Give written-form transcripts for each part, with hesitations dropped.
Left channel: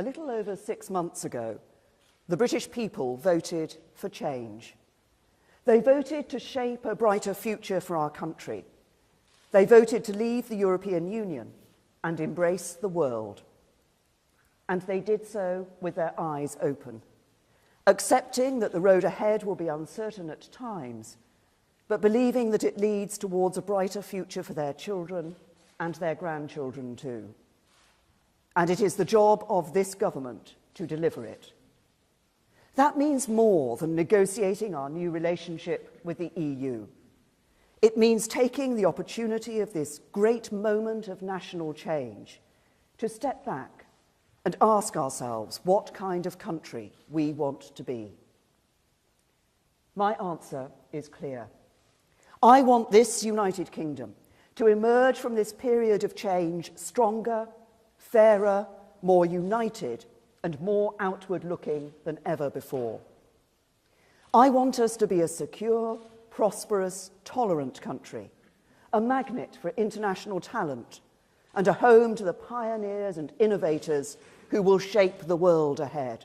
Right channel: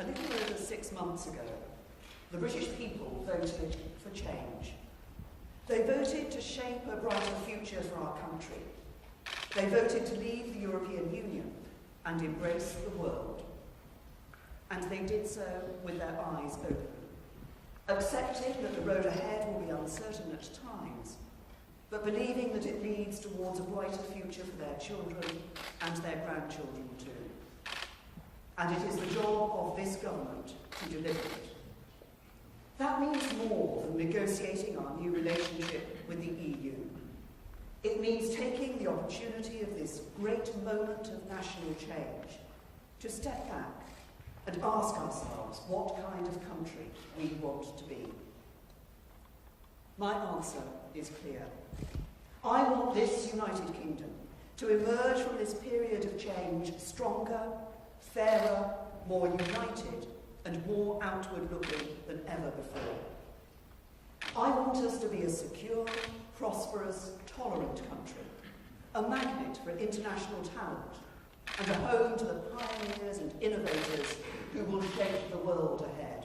a little over 6 months ago, the British people voted for change. They voted to shape a brighter future for our country. They voted to leave the European Union and embrace the world. And they did so with their eyes open, accepting that the road ahead will be uncertain at times, but believing that it leads towards a brighter future for their children and their grandchildren too. And it is the job of this government to deliver it. That means more than negotiating our new relationship with the EU. It means taking the opportunity of this great moment of national change to step back and ask ourselves what kind of country we want to be. My answer is clear. I want this United Kingdom to emerge from this period of change stronger, fairer, more united, and more outward-looking than ever before. I want us to be a secure, prosperous, tolerant country, a magnet for international talent, and a home to the pioneers and innovators who will shape the world ahead.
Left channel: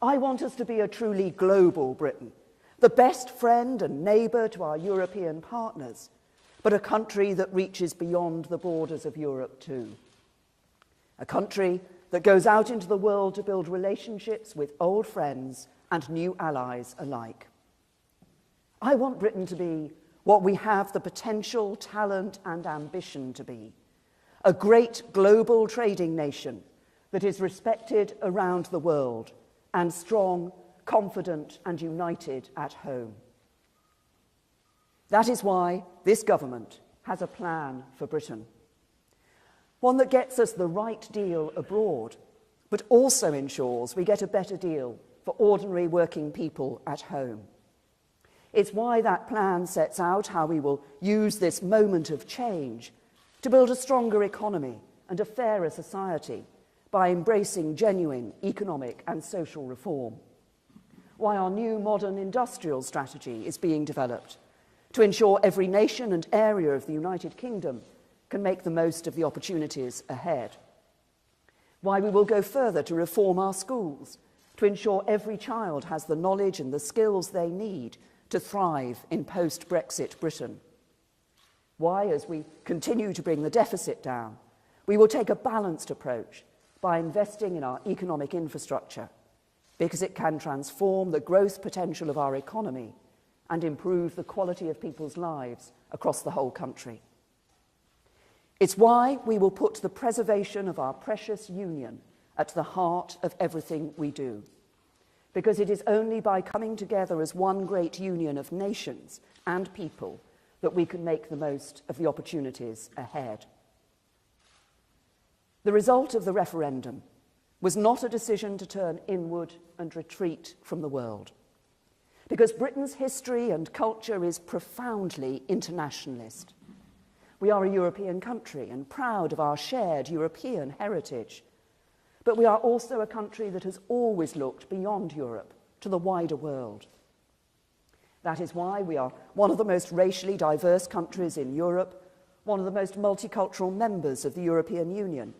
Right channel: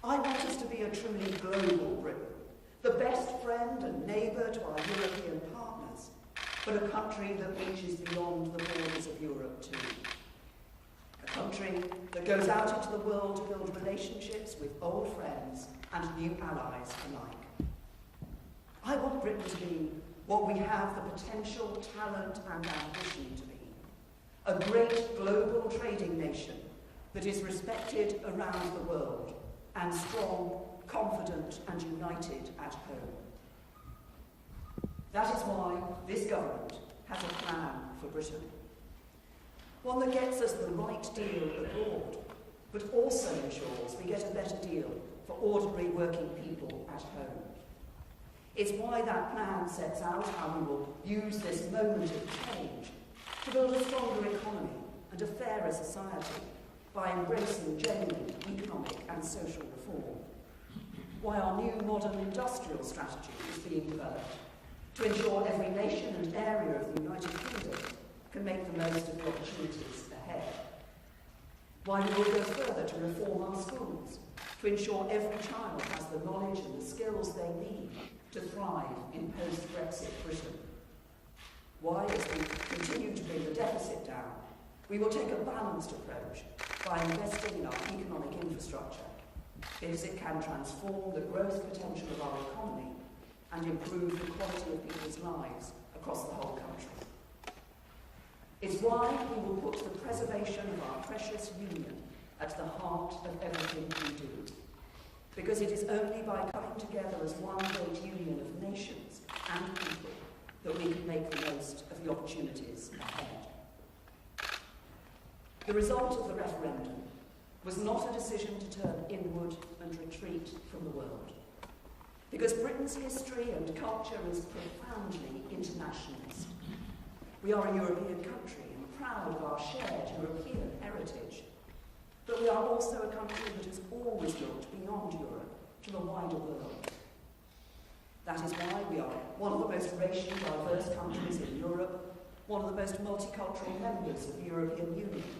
I want us to be a truly global Britain, the best friend and neighbour to our European partners, but a country that reaches beyond the borders of Europe too. A country that goes out into the world to build relationships with old friends and new allies alike. I want Britain to be what we have the potential, talent and ambition to be. A great global trading nation that is respected around the world and strong, confident and united at home. That is why this government has a plan for Britain. One that gets us the right deal abroad, but also ensures we get a better deal for ordinary working people at home. It's why that plan sets out how we will use this moment of change to build a stronger economy and a fairer society by embracing genuine economic and social reform. Why our new modern industrial strategy is being developed to ensure every nation and area of the United Kingdom can make the most of the opportunities ahead. Why we will go further to reform our schools, to ensure every child has the knowledge and the skills they need to thrive in post-Brexit Britain. Why, as we continue to bring the deficit down, we will take a balanced approach by investing in our economic infrastructure, because it can transform the growth potential of our economy and improve the quality of people's lives across the whole country. It's why we will put the preservation of our precious union at the heart of everything we do, because it is only by coming together as one great union of nations and people that we can make the most of the opportunities ahead. The result of the referendum was not a decision to turn inward and retreat from the world, because Britain's history and culture is profoundly internationalist. We are a European country and proud of our shared European heritage, but we are also a country that has always looked beyond Europe to the wider world. That is why we are one of the most racially diverse countries in Europe, one of the most multicultural members of the European Union,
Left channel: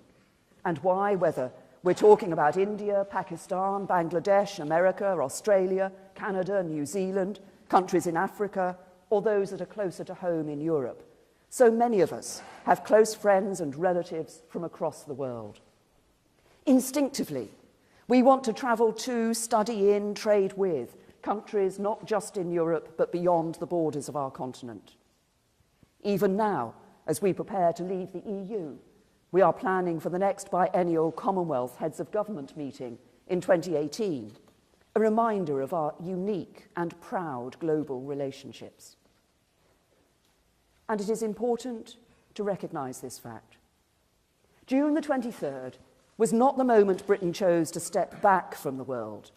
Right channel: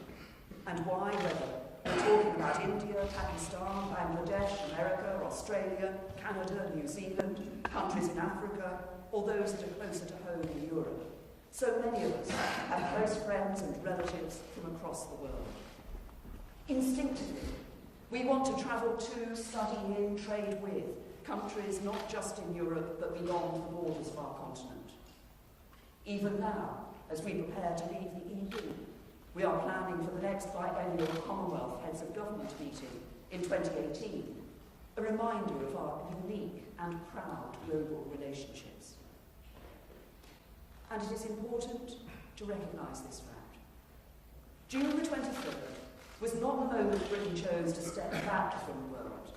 and why, whether we're talking about India, Pakistan, Bangladesh, America, Australia, Canada, New Zealand, countries in Africa, or those that are closer to home in Europe, so many of us have close friends and relatives from across the world. Instinctively, we want to travel to, study in, trade with countries not just in Europe but beyond the borders of our continent. Even now, as we prepare to leave the EU, we are planning for the next biennial Commonwealth Heads of Government meeting in 2018, a reminder of our unique and proud global relationships. And it is important to recognise this fact. June the 23rd was not the moment Britain chose to step back from the world.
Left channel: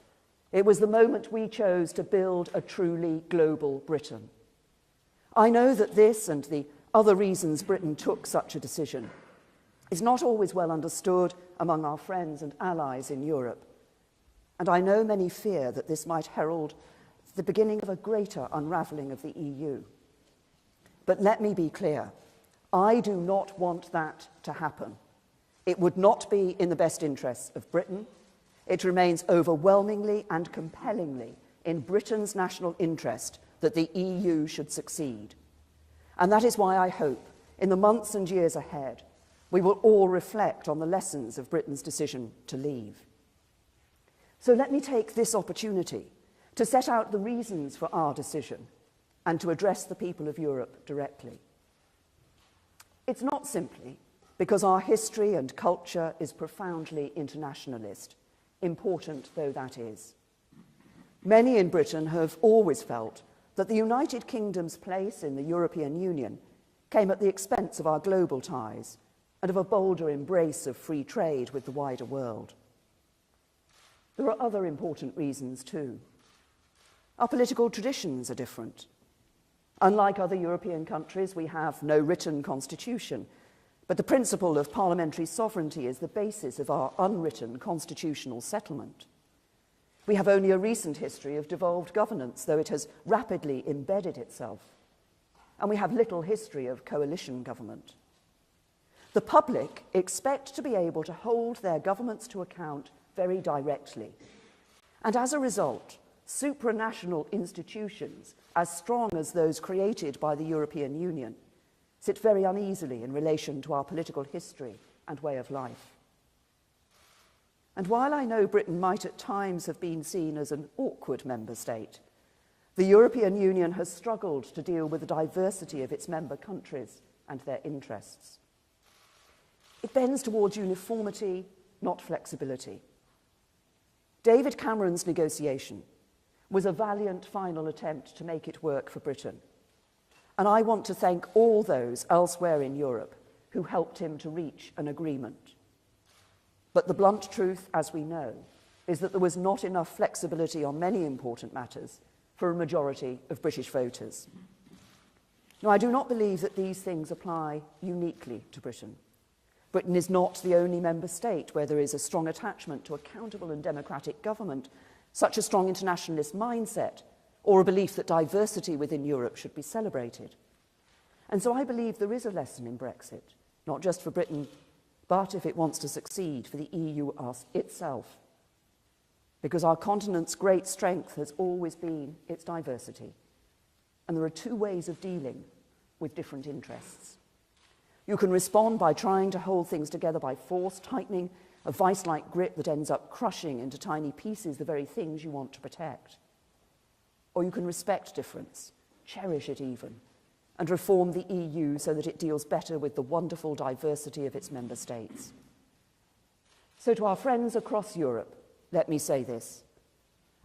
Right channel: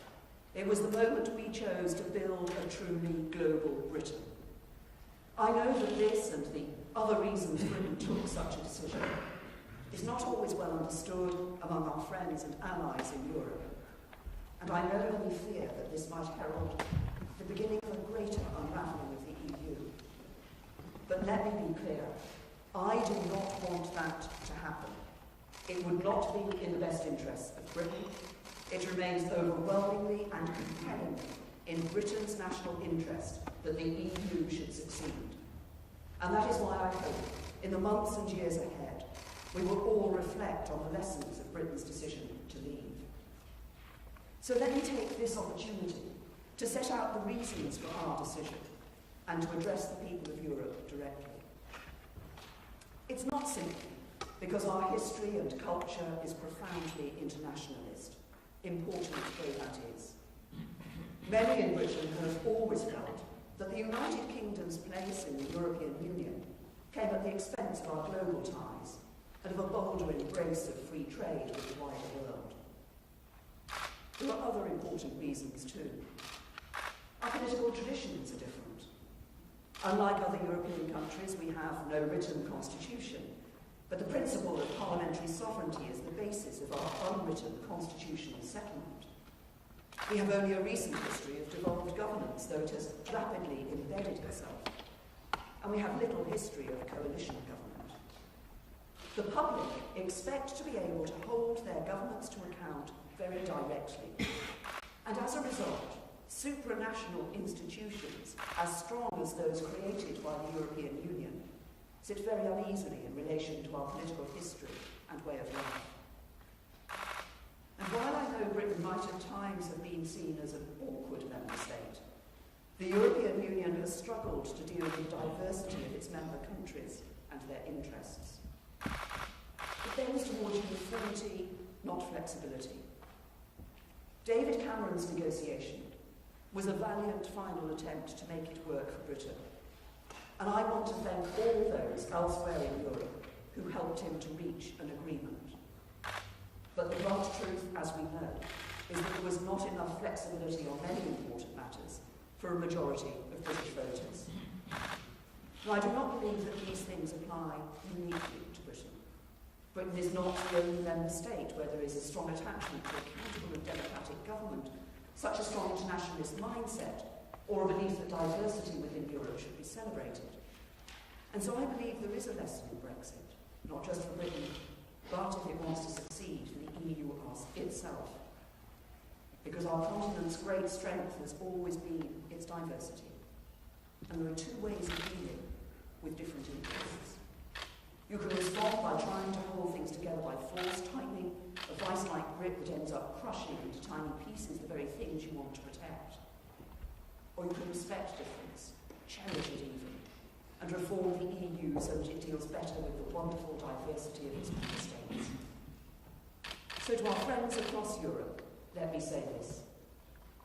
It was the moment we chose to build a truly global Britain. I know that this and the other reasons Britain took such a decision is not always well understood among our friends and allies in Europe. And I know many fear that this might herald the beginning of a greater unravelling of the EU. But let me be clear, I do not want that to happen. It would not be in the best interests of Britain. It remains overwhelmingly and compellingly in Britain's national interest that the EU should succeed. And that is why I hope, in the months and years ahead, we will all reflect on the lessons of Britain's decision to leave. So let me take this opportunity to set out the reasons for our decision and to address the people of Europe directly. It's not simply because our history and culture is profoundly internationalist, important though that is. Many in Britain have always felt that the United Kingdom's place in the European Union came at the expense of our global ties and of a bolder embrace of free trade with the wider world. There are other important reasons too. Our political traditions are different. Unlike other European countries, we have no written constitution, but the principle of parliamentary sovereignty is the basis of our unwritten constitutional settlement. We have only a recent history of devolved governance, though it has rapidly embedded itself, and we have little history of coalition government. The public expect to be able to hold their governments to account very directly, and as a result, supranational institutions, as strong as those created by the European Union, sit very uneasily in relation to our political history and way of life. And while I know Britain might at times have been seen as an awkward member state, the European Union has struggled to deal with the diversity of its member countries and their interests. It bends towards uniformity, not flexibility. David Cameron's negotiation was a valiant final attempt to make it work for Britain. And I want to thank all those elsewhere in Europe who helped him to reach an agreement. But the blunt truth, as we know, is that there was not enough flexibility on many important matters for a majority of British voters. Now, I do not believe that these things apply uniquely to Britain. Britain is not the only member state where there is a strong attachment to accountable and democratic government, such a strong internationalist mindset, or a belief that diversity within Europe should be celebrated. And so I believe there is a lesson in Brexit, not just for Britain, but if it wants to succeed, for the EU itself. Because our continent's great strength has always been its diversity. And there are two ways of dealing with different interests. You can respond by trying to hold things together by force, tightening a vice-like grip that ends up crushing into tiny pieces the very things you want to protect. Or you can respect difference, cherish it even, and reform the EU so that it deals better with the wonderful diversity of its member states. So to our friends across Europe, let me say this.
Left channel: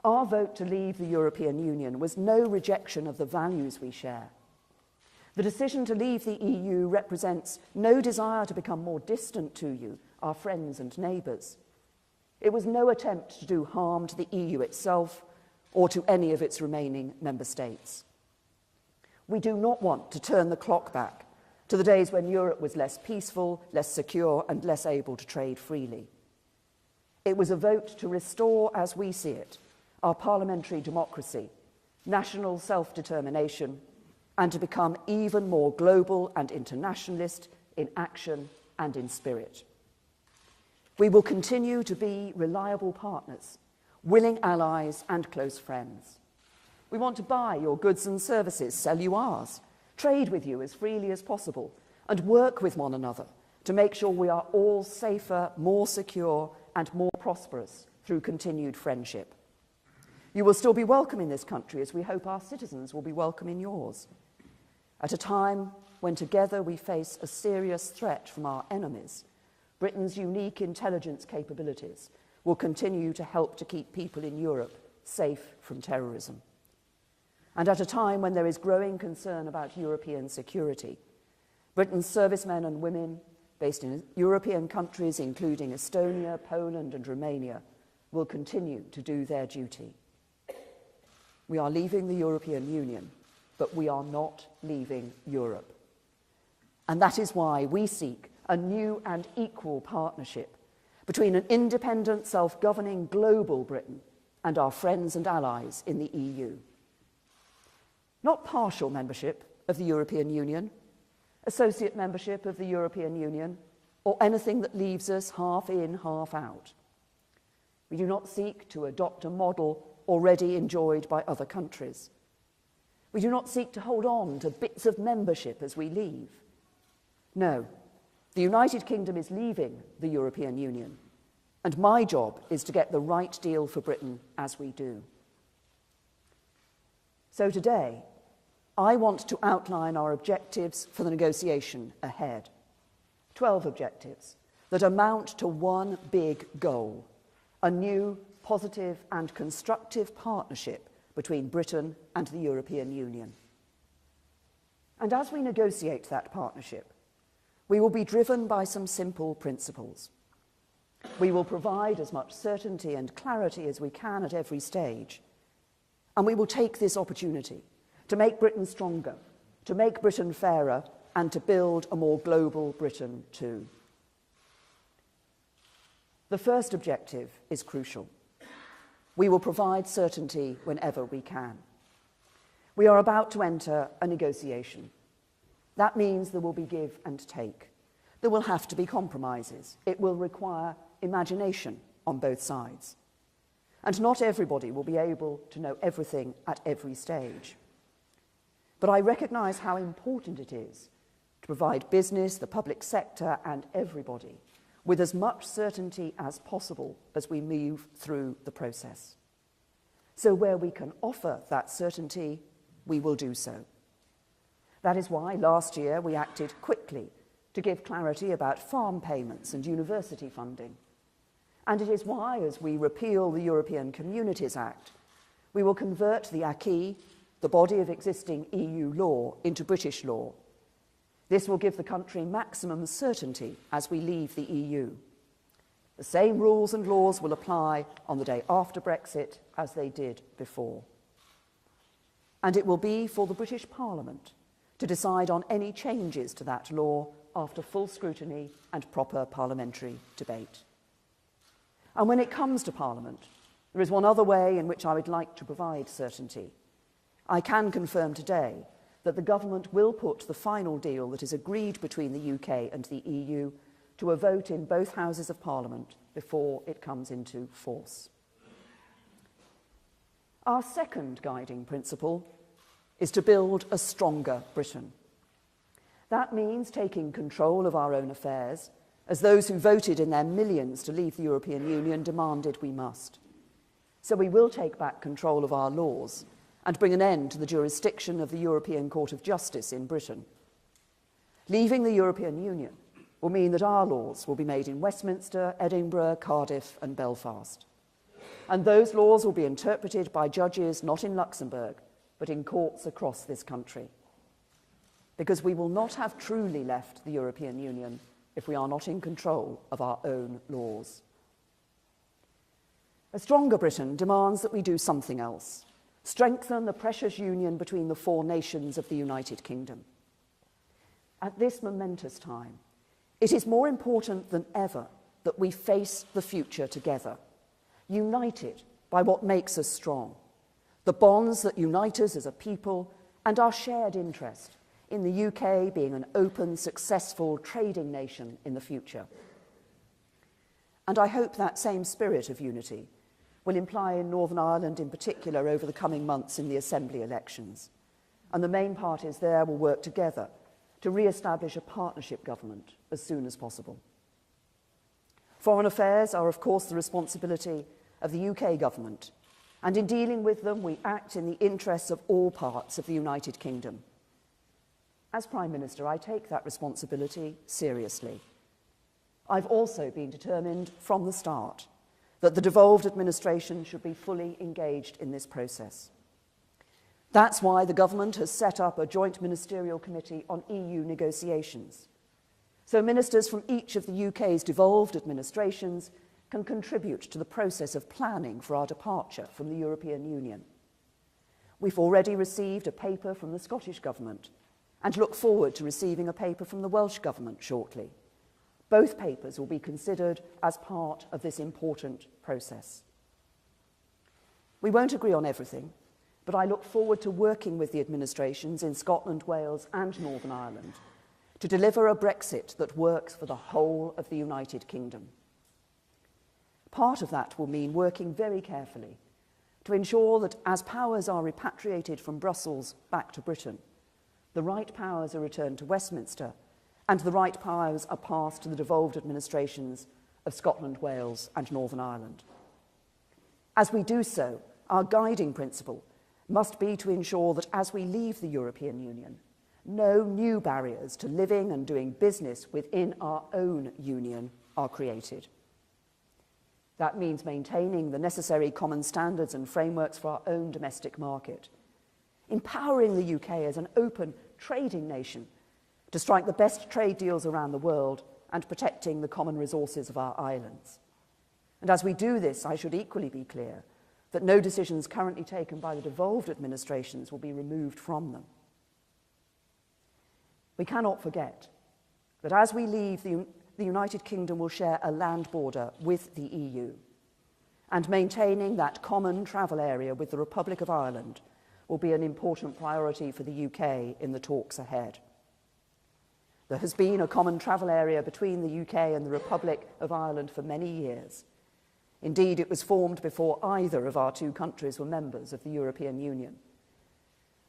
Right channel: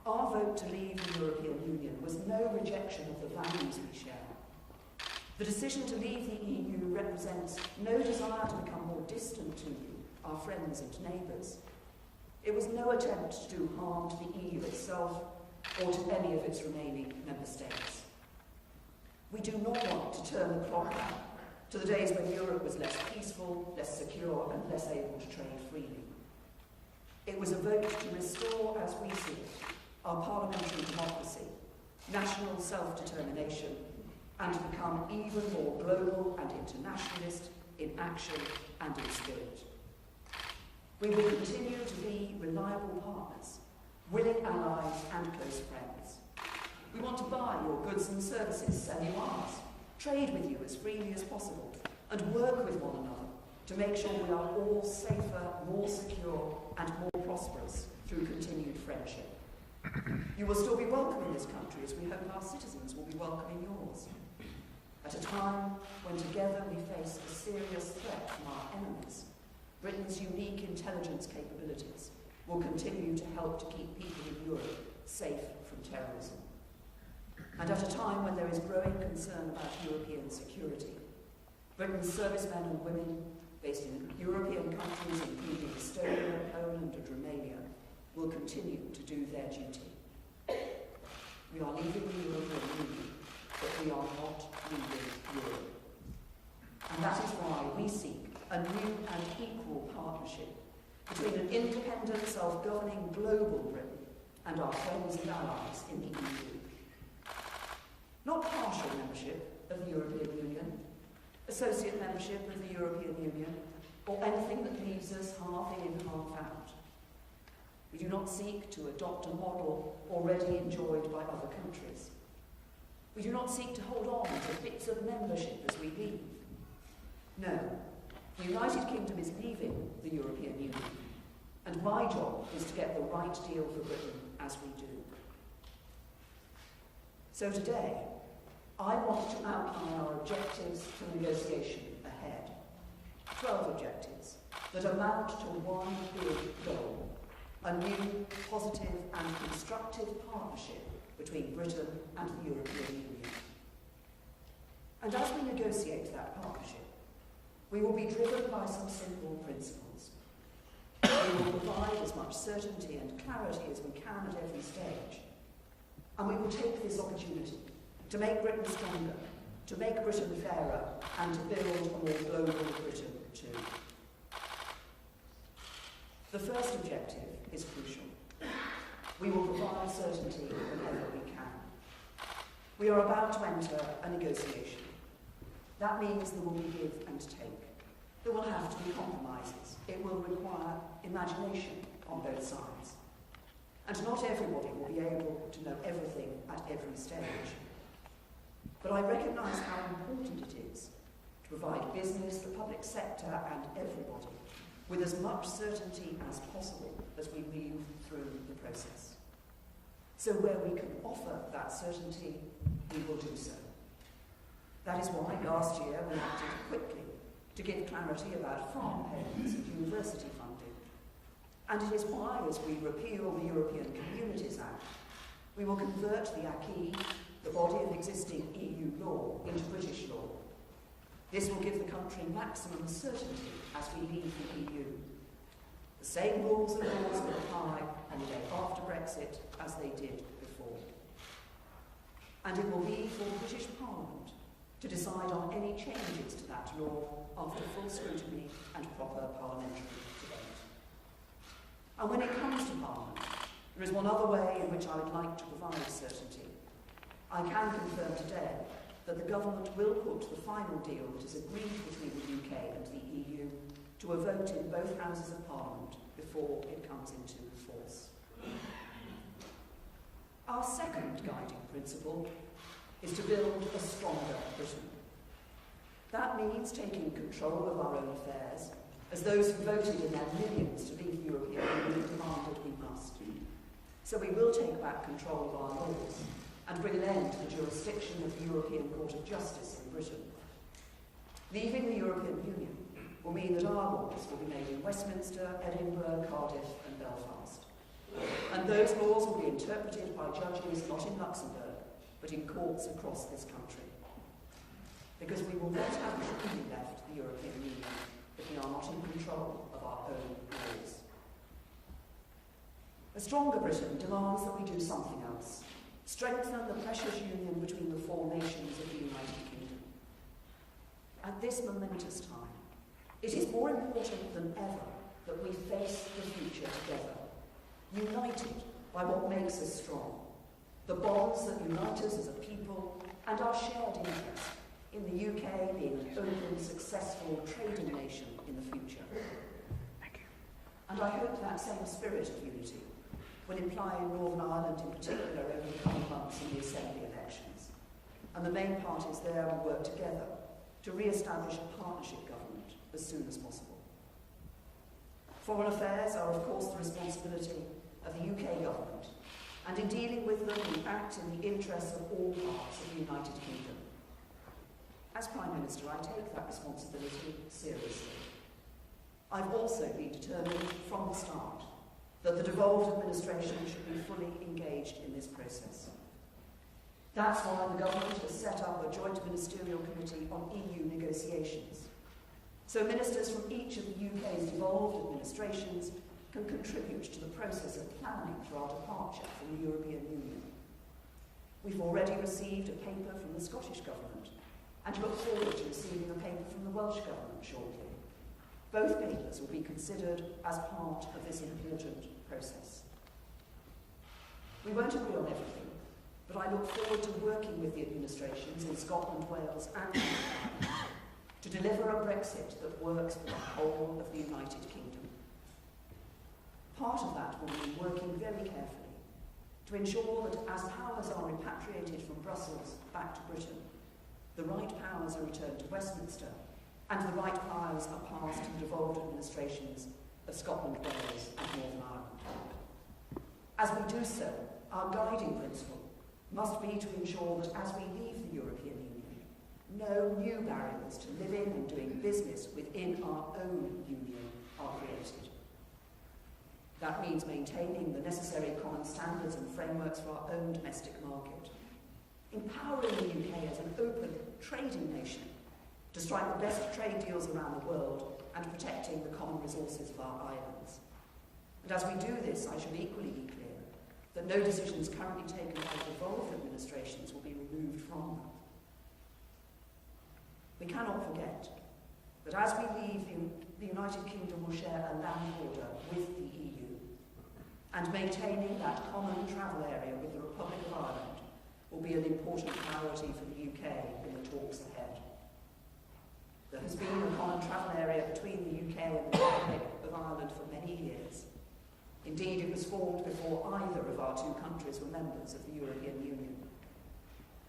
Our vote to leave the European Union was no rejection of the values we share. The decision to leave the EU represents no desire to become more distant to you, our friends and neighbours. It was no attempt to do harm to the EU itself or to any of its remaining member states. We do not want to turn the clock back to the days when Europe was less peaceful, less secure, and less able to trade freely. It was a vote to restore, as we see it, our parliamentary democracy, national self-determination, and to become even more global and internationalist in action and in spirit. We will continue to be reliable partners, willing allies and close friends. We want to buy your goods and services, sell you ours, trade with you as freely as possible, and work with one another to make sure we are all safer, more secure, and more prosperous through continued friendship. You will still be welcome in this country, as we hope our citizens will be welcome in yours. At a time when together we face a serious threat from our enemies, Britain's unique intelligence capabilities will continue to help to keep people in Europe safe from terrorism. And at a time when there is growing concern about European security, Britain's servicemen and women based in European countries including Estonia, Poland and Romania will continue to do their duty. We are leaving the European Union, but we are not leaving Europe. And that is why we seek a new and equal partnership between an independent, self-governing global Britain and our friends and allies in the EU. Not partial membership of the European Union, associate membership of the European Union, or anything that leaves us half in, half out. We do not seek to adopt a model already enjoyed by other countries. We do not seek to hold on to bits of membership as we leave. No, the United Kingdom is leaving the European Union, and my job is to get the right deal for Britain as we do. So today, I want to outline our objectives for the negotiation ahead. 12 objectives that amount to one big goal: a new, positive and constructive partnership between Britain and the European Union. And as we negotiate that partnership, we will be driven by some simple principles. We will provide as much certainty and clarity as we can at every stage. And we will take this opportunity to make Britain stronger, to make Britain fairer, and to build a more global Britain too. The first objective is crucial. We will provide certainty whenever we can. We are about to enter a negotiation. That means there will be give and take. There will have to be compromises. It will require imagination on both sides. And not everybody will be able to know everything at every stage. But I recognise how important it is to provide business, the public sector, and everybody with as much certainty as possible as we move through the process. So where we can offer that certainty, we will do so. That is why last year we acted quickly to give clarity about farm payments and university funding. And it is why, as we repeal the European Communities Act, we will convert the acquis, the body of existing EU law, into British law. This will give the country maximum certainty as we leave the EU. The same rules and laws will apply on the day after Brexit as they did before. And it will be for the British Parliament to decide on any changes to that law after full scrutiny and proper parliamentary debate. And when it comes to Parliament, there is one other way in which I would like to provide certainty. I can confirm today that the government will put the final deal that is agreed between the UK and the EU to a vote in both Houses of Parliament before it comes into force. Our second guiding principle is to build a stronger Britain. That means taking control of our own affairs, as those who voted in their millions to leave the European Union demanded we must. So we will take back control of our laws and bring an end to the jurisdiction of the European Court of Justice in Britain. Leaving the European Union will mean that our laws will be made in Westminster, Edinburgh, Cardiff and Belfast. And those laws will be interpreted by judges not in Luxembourg, but in courts across this country. Because we will not have truly left the European Union if we are not in control of our own laws. A stronger Britain demands that we do something else. Strengthen the precious union between the four nations of the United Kingdom. At this momentous time, it is more important than ever that we face the future together, united by what makes us strong, the bonds that unite us as a people, and our shared interest in the UK being an open, successful trading nation in the future. And I hope that same spirit of unity will imply in Northern Ireland in particular over the coming months in the Assembly elections. And the main parties there will work together to re-establish a partnership government as soon as possible. Foreign affairs are, of course, the responsibility of the UK government, and in dealing with them, we act in the interests of all parts of the United Kingdom. As Prime Minister, I take that responsibility seriously. I've also been determined from the start that the devolved administration should be fully engaged in this process. That's why the government has set up a joint ministerial committee on EU negotiations, so ministers from each of the UK's devolved administrations can contribute to the process of planning for our departure from the European Union. We've already received a paper from the Scottish Government and look forward to receiving a paper from the Welsh Government shortly. Both papers will be considered as part of this important process. We won't agree on everything, but I look forward to working with the administrations in Scotland, Wales and Northern Ireland to deliver a Brexit that works for the whole of the United Kingdom. Part of that will mean working very carefully to ensure that as powers are repatriated from Brussels back to Britain, the right powers are returned to Westminster and the right powers are passed to the devolved administrations of Scotland, Wales and Northern Ireland. As we do so, our guiding principle must be to ensure that as we leave the European Union, no new barriers to living and doing business within our own union are created. That means maintaining the necessary common standards and frameworks for our own domestic market, empowering the UK as an open trading nation to strike the best trade deals around the world and protecting the common resources of our islands. And as we do this, I should equally be clear that no decisions currently taken by the devolved administrations will be removed from them. We cannot forget that as we leave, the United Kingdom will share a land border with the EU, and maintaining that common travel area with the Republic of Ireland will be an important priority for the UK in the talks ahead. There has been a common travel area between the UK and the Republic of Ireland for many years. Indeed, it was formed before either of our two countries were members of the European Union.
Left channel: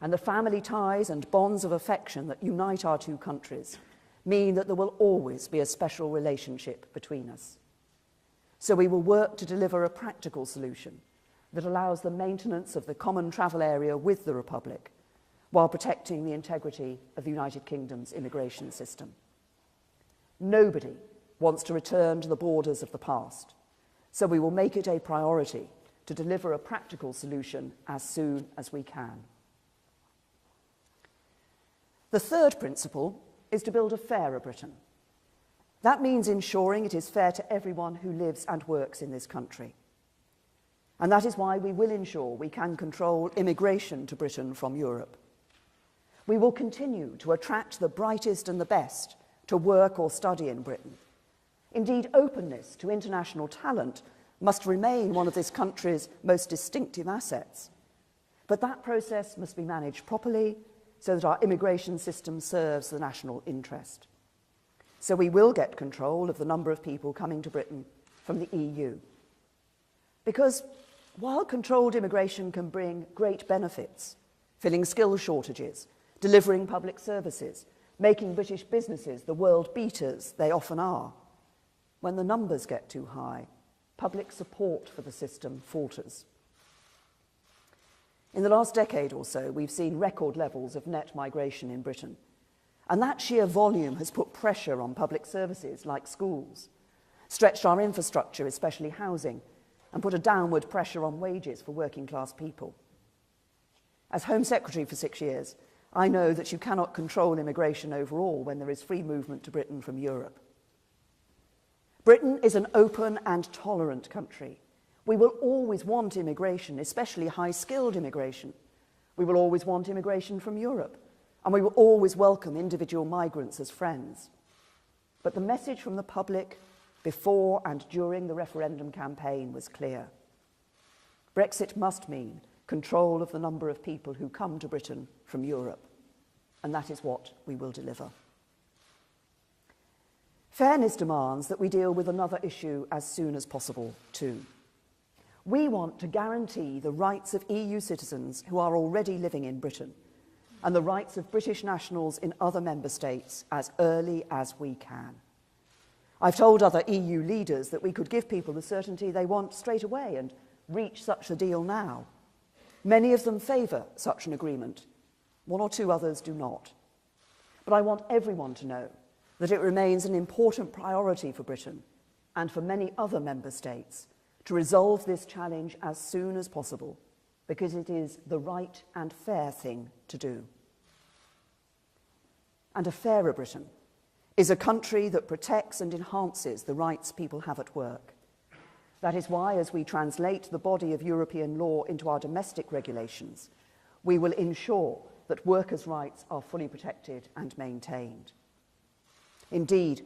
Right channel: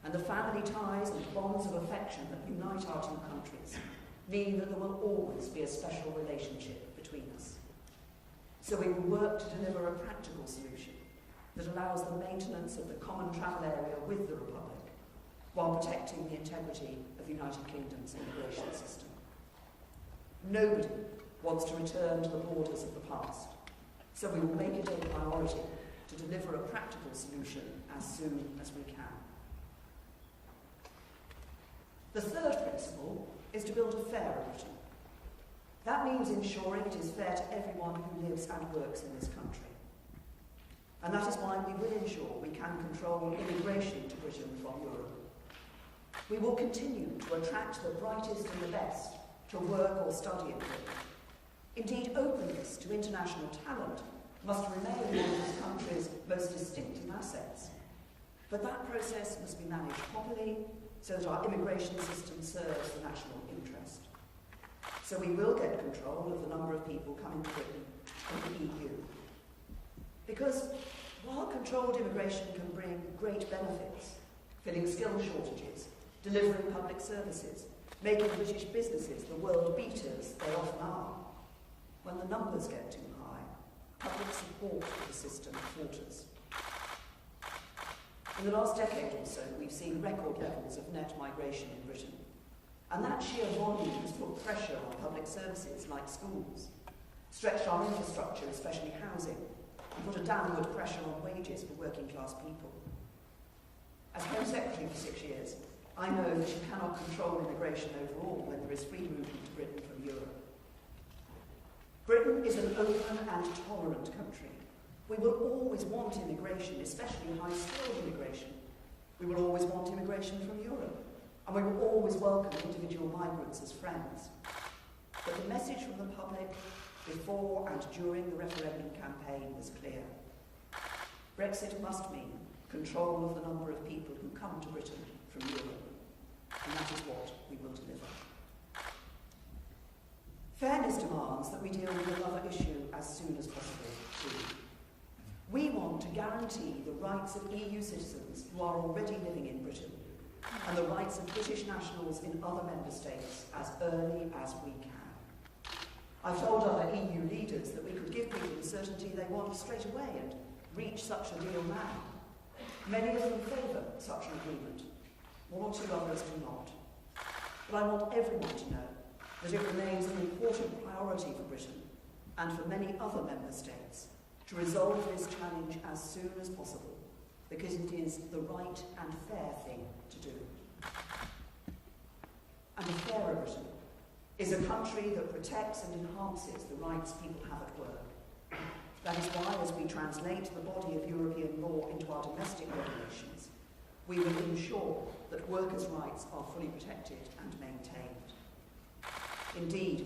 And the family ties and bonds of affection that unite our two countries mean that there will always be a special relationship between us. So we will work to deliver a practical solution that allows the maintenance of the common travel area with the Republic while protecting the integrity of the United Kingdom's immigration system. Nobody wants to return to the borders of the past, so we will make it a priority to deliver a practical solution as soon as we can. The third principle is to build a fairer Britain. That means ensuring it is fair to everyone who lives and works in this country. And that is why we will ensure we can control immigration to Britain from Europe. We will continue to attract the brightest and the best to work or study in Britain. Indeed, openness to international talent must remain one of this country's most distinctive assets. But that process must be managed properly so that our immigration system serves the national interest. So we will get control of the number of people coming to Britain from the EU. Because while controlled immigration can bring great benefits, filling skills shortages, delivering public services, making British businesses the world beaters they often are, when the numbers get too high, public support for the system falters. In the last decade or so, we've seen record levels of net migration in Britain, and that sheer volume has put pressure on public services like schools, stretched our infrastructure, especially housing, and put a downward pressure on wages for working class people. As Home Secretary for 6 years, I know that you cannot control immigration overall when there is free movement to Britain from Europe. Britain is an open and tolerant country. We will always want immigration, especially high-skilled immigration. We will always want immigration from Europe, and we will always welcome individual migrants as friends. But the message from the public before and during the referendum campaign was clear. Brexit must mean control of the number of people who come to Britain from Europe, and that is what we will deliver. Fairness demands that we deal with another issue as soon as possible too. We want to guarantee the rights of EU citizens who are already living in Britain and the rights of British nationals in other member states as early as we can. I've told other EU leaders that we could give people the certainty they want straight away and reach such a deal now. Many of them favour such an agreement. One or two others do not. But I want everyone to know that it remains an important priority for Britain and for many other member states to resolve this challenge as soon as possible, because it is the right and fair thing to do. And a fairer Britain is a country that protects and enhances the rights people have at work. That is why, as we translate the body of European law into our domestic regulations, we will ensure that workers' rights are fully protected and maintained. Indeed,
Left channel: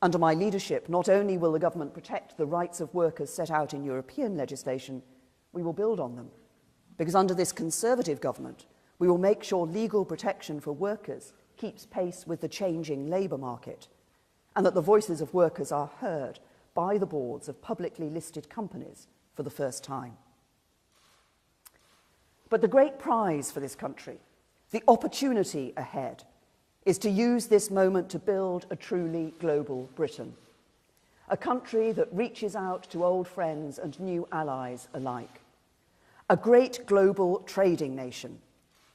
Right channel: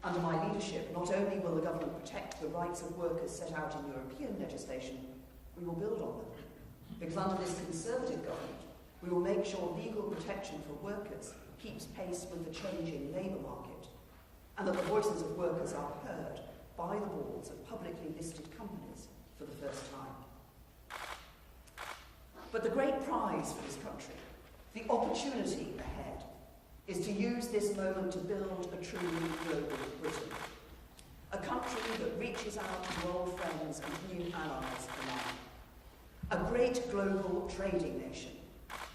under my leadership, not only will the government protect the rights of workers set out in European legislation, we will build on them. Because under this Conservative government, we will make sure legal protection for workers keeps pace with the changing labour market, and that the voices of workers are heard by the boards of publicly listed companies for the first time. But the great prize for this country, the opportunity ahead, is to use this moment to build a truly global Britain, a country that reaches out to old friends and new allies alike, a great global trading nation,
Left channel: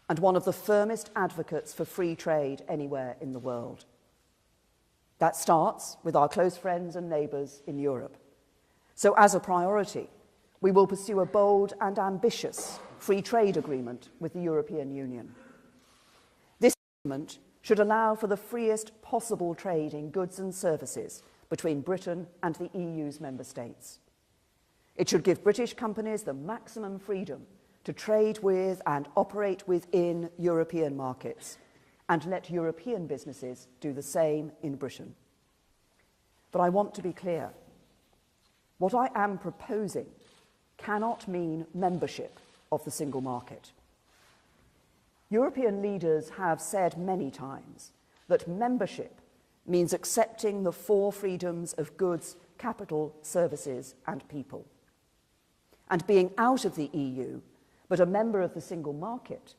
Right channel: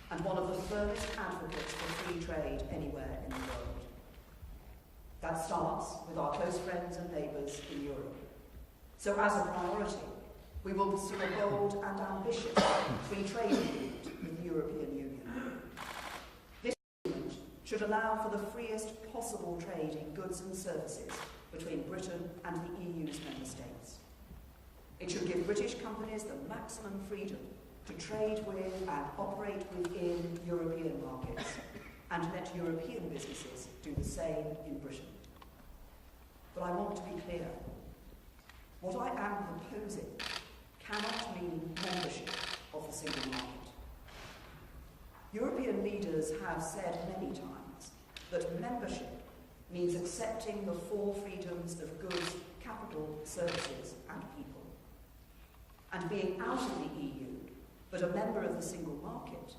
and one of the firmest advocates for free trade anywhere in the world. That starts with our close friends and neighbours in Europe. So as a priority, we will pursue a bold and ambitious free trade agreement with the European Union. This agreement should allow for the freest possible trade in goods and services between Britain and the EU's member states. It should give British companies the maximum freedom to trade with and operate within European markets, and let European businesses do the same in Britain. But I want to be clear. What I am proposing cannot mean membership of the single market. European leaders have said many times that membership means accepting the four freedoms of goods, capital, services, and people. And being out of the EU, but a member of the single market,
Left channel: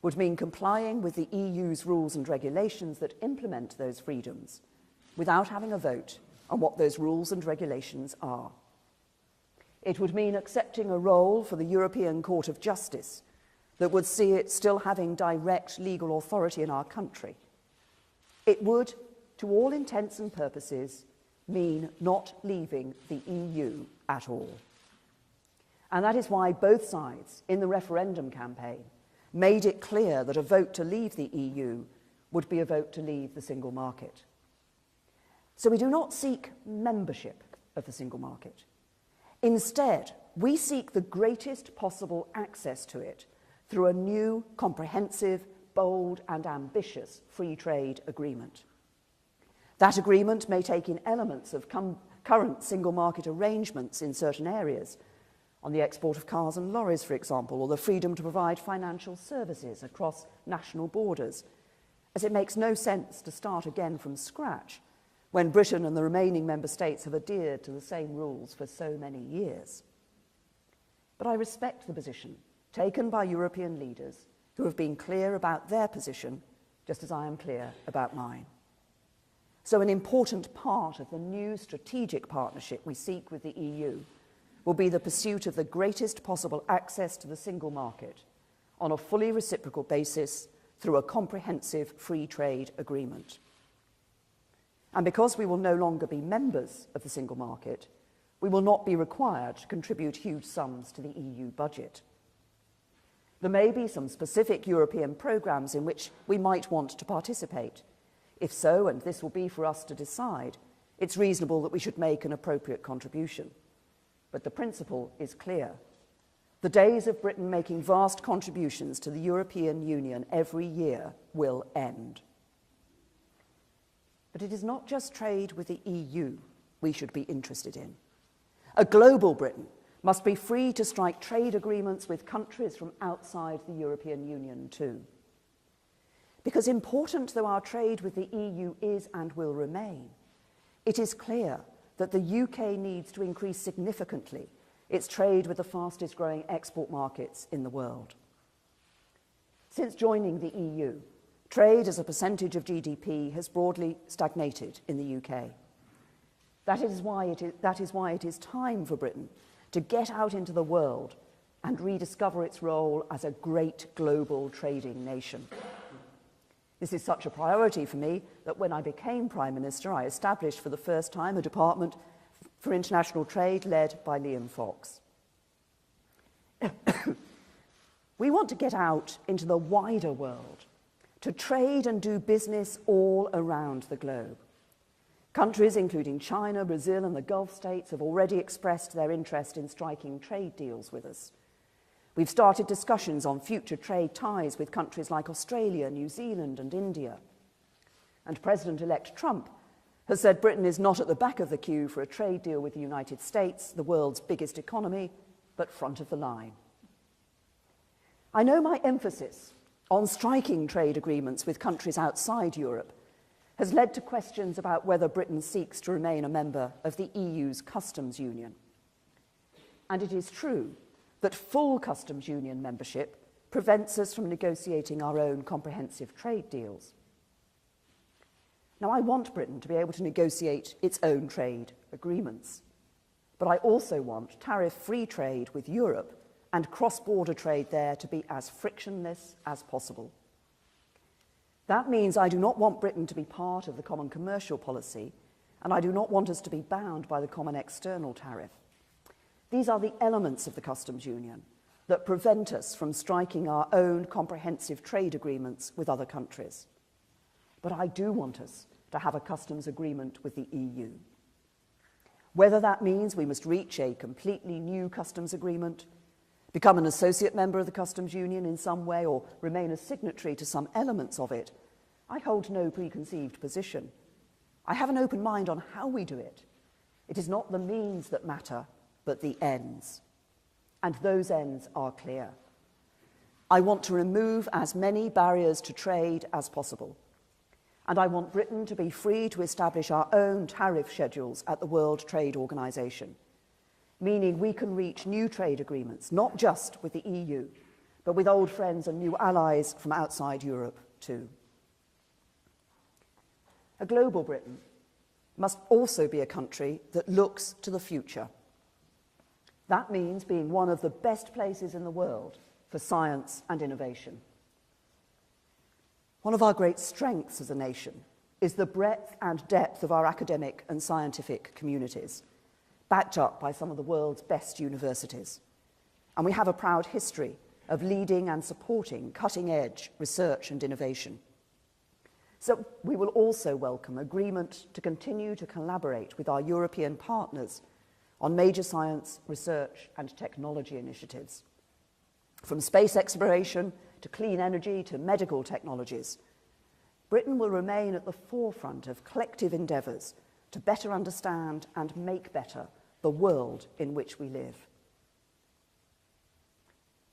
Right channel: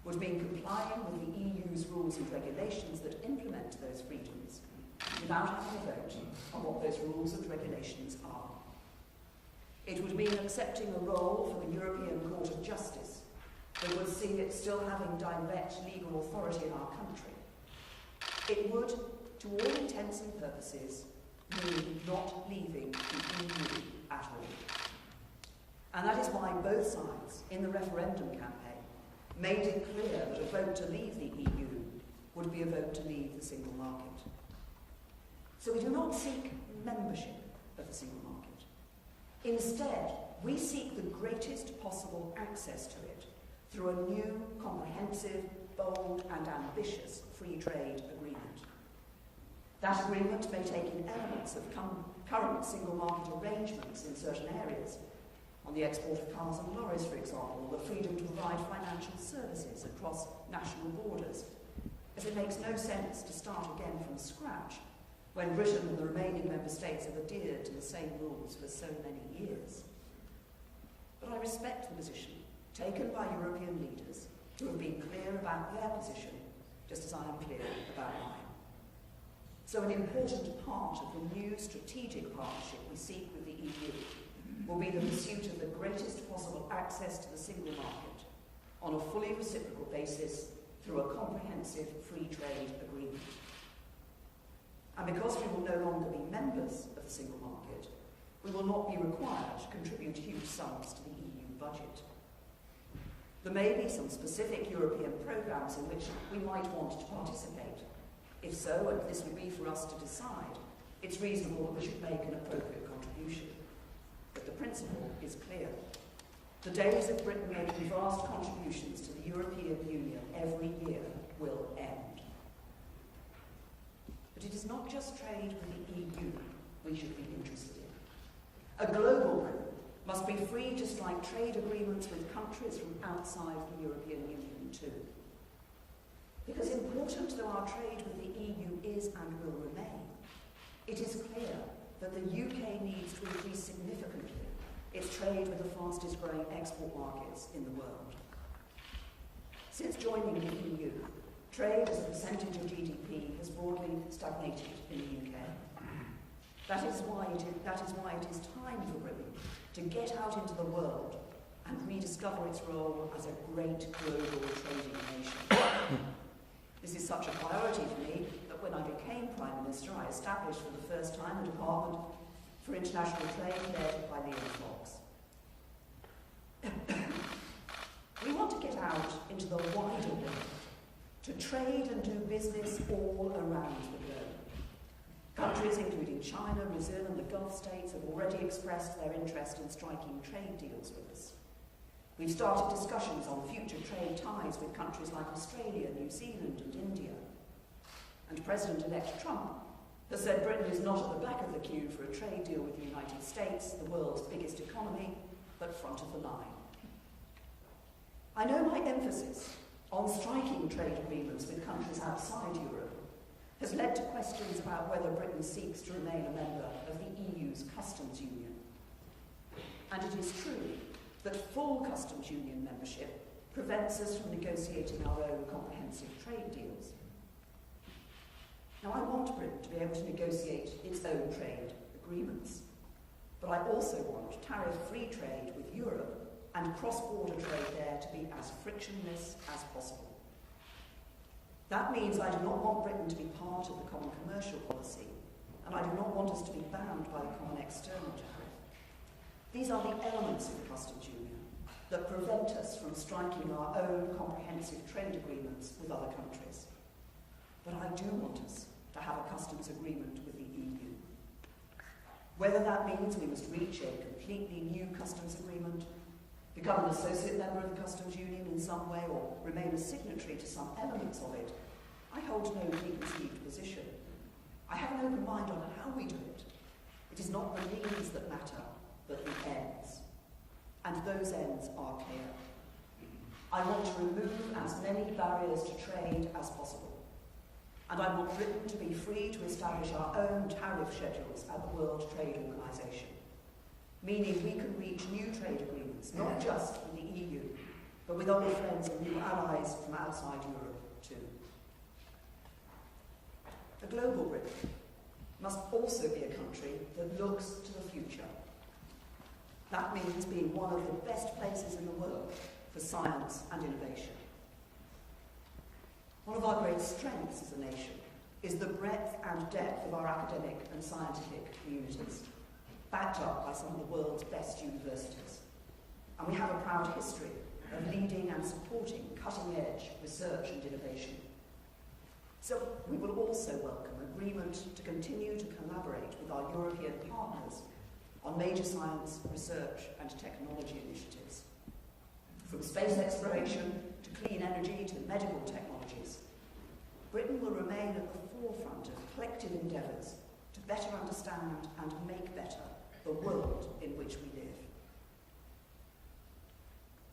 would mean complying with the EU's rules and regulations that implement those freedoms without having a vote on what those rules and regulations are. It would mean accepting a role for the European Court of Justice that would see it still having direct legal authority in our country. It would, to all intents and purposes, mean not leaving the EU at all. And that is why both sides in the referendum campaign made it clear that a vote to leave the EU would be a vote to leave the single market. So we do not seek membership of the single market. Instead, we seek the greatest possible access to it through a new, comprehensive, bold and ambitious free trade agreement. That agreement may take in elements of current single market arrangements in certain areas, on the export of cars and lorries, for example, or the freedom to provide financial services across national borders, as it makes no sense to start again from scratch when Britain and the remaining member states have adhered to the same rules for so many years. But I respect the position taken by European leaders who have been clear about their position, just as I am clear about mine. So an important part of the new strategic partnership we seek with the EU will be the pursuit of the greatest possible access to the single market on a fully reciprocal basis through a comprehensive free trade agreement. And because we will no longer be members of the single market, we will not be required to contribute huge sums to the EU budget. There may be some specific European programmes in which we might want to participate. If so, and this will be for us to decide, it's reasonable that we should make an appropriate contribution. But the principle is clear. The days of Britain making vast contributions to the European Union every year will end. But it is not just trade with the EU we should be interested in. A global Britain must be free to strike trade agreements with countries from outside the European Union too. Because important though our trade with the EU is and will remain, it is clear that the UK needs to increase significantly its trade with the fastest growing export markets in the world. Since joining the EU, trade as a percentage of GDP has broadly stagnated in the UK. That is why it is time for Britain to get out into the world and rediscover its role as a great global trading nation. This is such a priority for me that when I became Prime Minister, I established for the first time a Department for International Trade led by Liam Fox. We want to get out into the wider world, to trade and do business all around the globe. Countries including China, Brazil and the Gulf states have already expressed their interest in striking trade deals with us. We've started discussions on future trade ties with countries like Australia, New Zealand and India. And President-elect Trump has said Britain is not at the back of the queue for a trade deal with the United States, the world's biggest economy, but front of the line. I know my emphasis on striking trade agreements with countries outside Europe has led to questions about whether Britain seeks to remain a member of the EU's customs union. And it is true that full customs union membership prevents us from negotiating our own comprehensive trade deals. Now, I want Britain to be able to negotiate its own trade agreements, but I also want tariff-free trade with Europe and cross-border trade there to be as frictionless as possible. That means I do not want Britain to be part of the common commercial policy, and I do not want us to be bound by the common external tariff. These are the elements of the customs union that prevent us from striking our own comprehensive trade agreements with other countries. But I do want us to have a customs agreement with the EU. Whether that means we must reach a completely new customs agreement, become an associate member of the customs union in some way, or remain a signatory to some elements of it, I hold no preconceived position. I have an open mind on how we do it. It is not the means that matter, but the ends. And those ends are clear. I want to remove as many barriers to trade as possible. And I want Britain to be free to establish our own tariff schedules at the World Trade Organization, meaning we can reach new trade agreements, not just with the EU, but with old friends and new allies from outside Europe too. A global Britain must also be a country that looks to the future. That means being one of the best places in the world for science and innovation. One of our great strengths as a nation is the breadth and depth of our academic and scientific communities, backed up by some of the world's best universities. And we have a proud history of leading and supporting cutting-edge research and innovation. So we will also welcome agreement to continue to collaborate with our European partners on major science, research and technology initiatives. From space exploration to clean energy to medical technologies, Britain will remain at the forefront of collective endeavours to better understand and make better the world in which we live.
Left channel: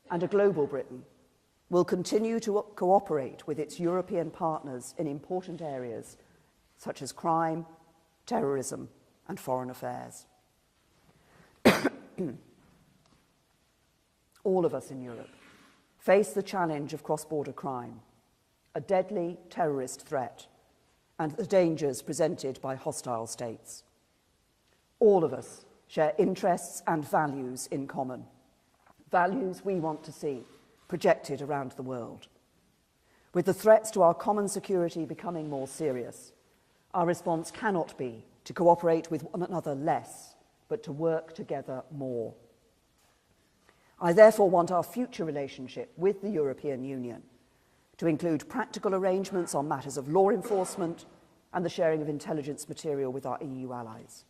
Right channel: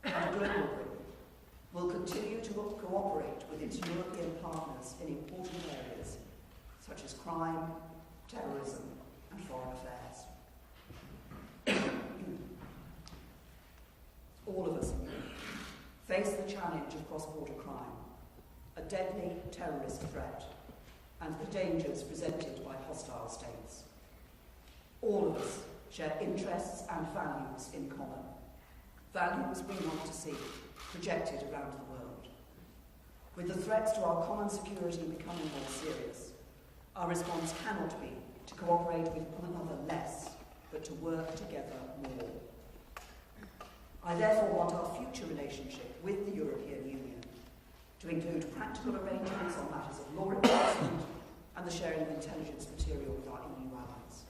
And a global Britain will continue to cooperate with its European partners in important areas such as crime, terrorism and foreign affairs. All of us in Europe face the challenge of cross-border crime, a deadly terrorist threat, and the dangers presented by hostile states. All of us share interests and values in common, values we want to see projected around the world. With the threats to our common security becoming more serious, our response cannot be to cooperate with one another less, but to work together more. I therefore want our future relationship with the European Union to include practical arrangements on matters of law enforcement and the sharing of intelligence material with our EU allies.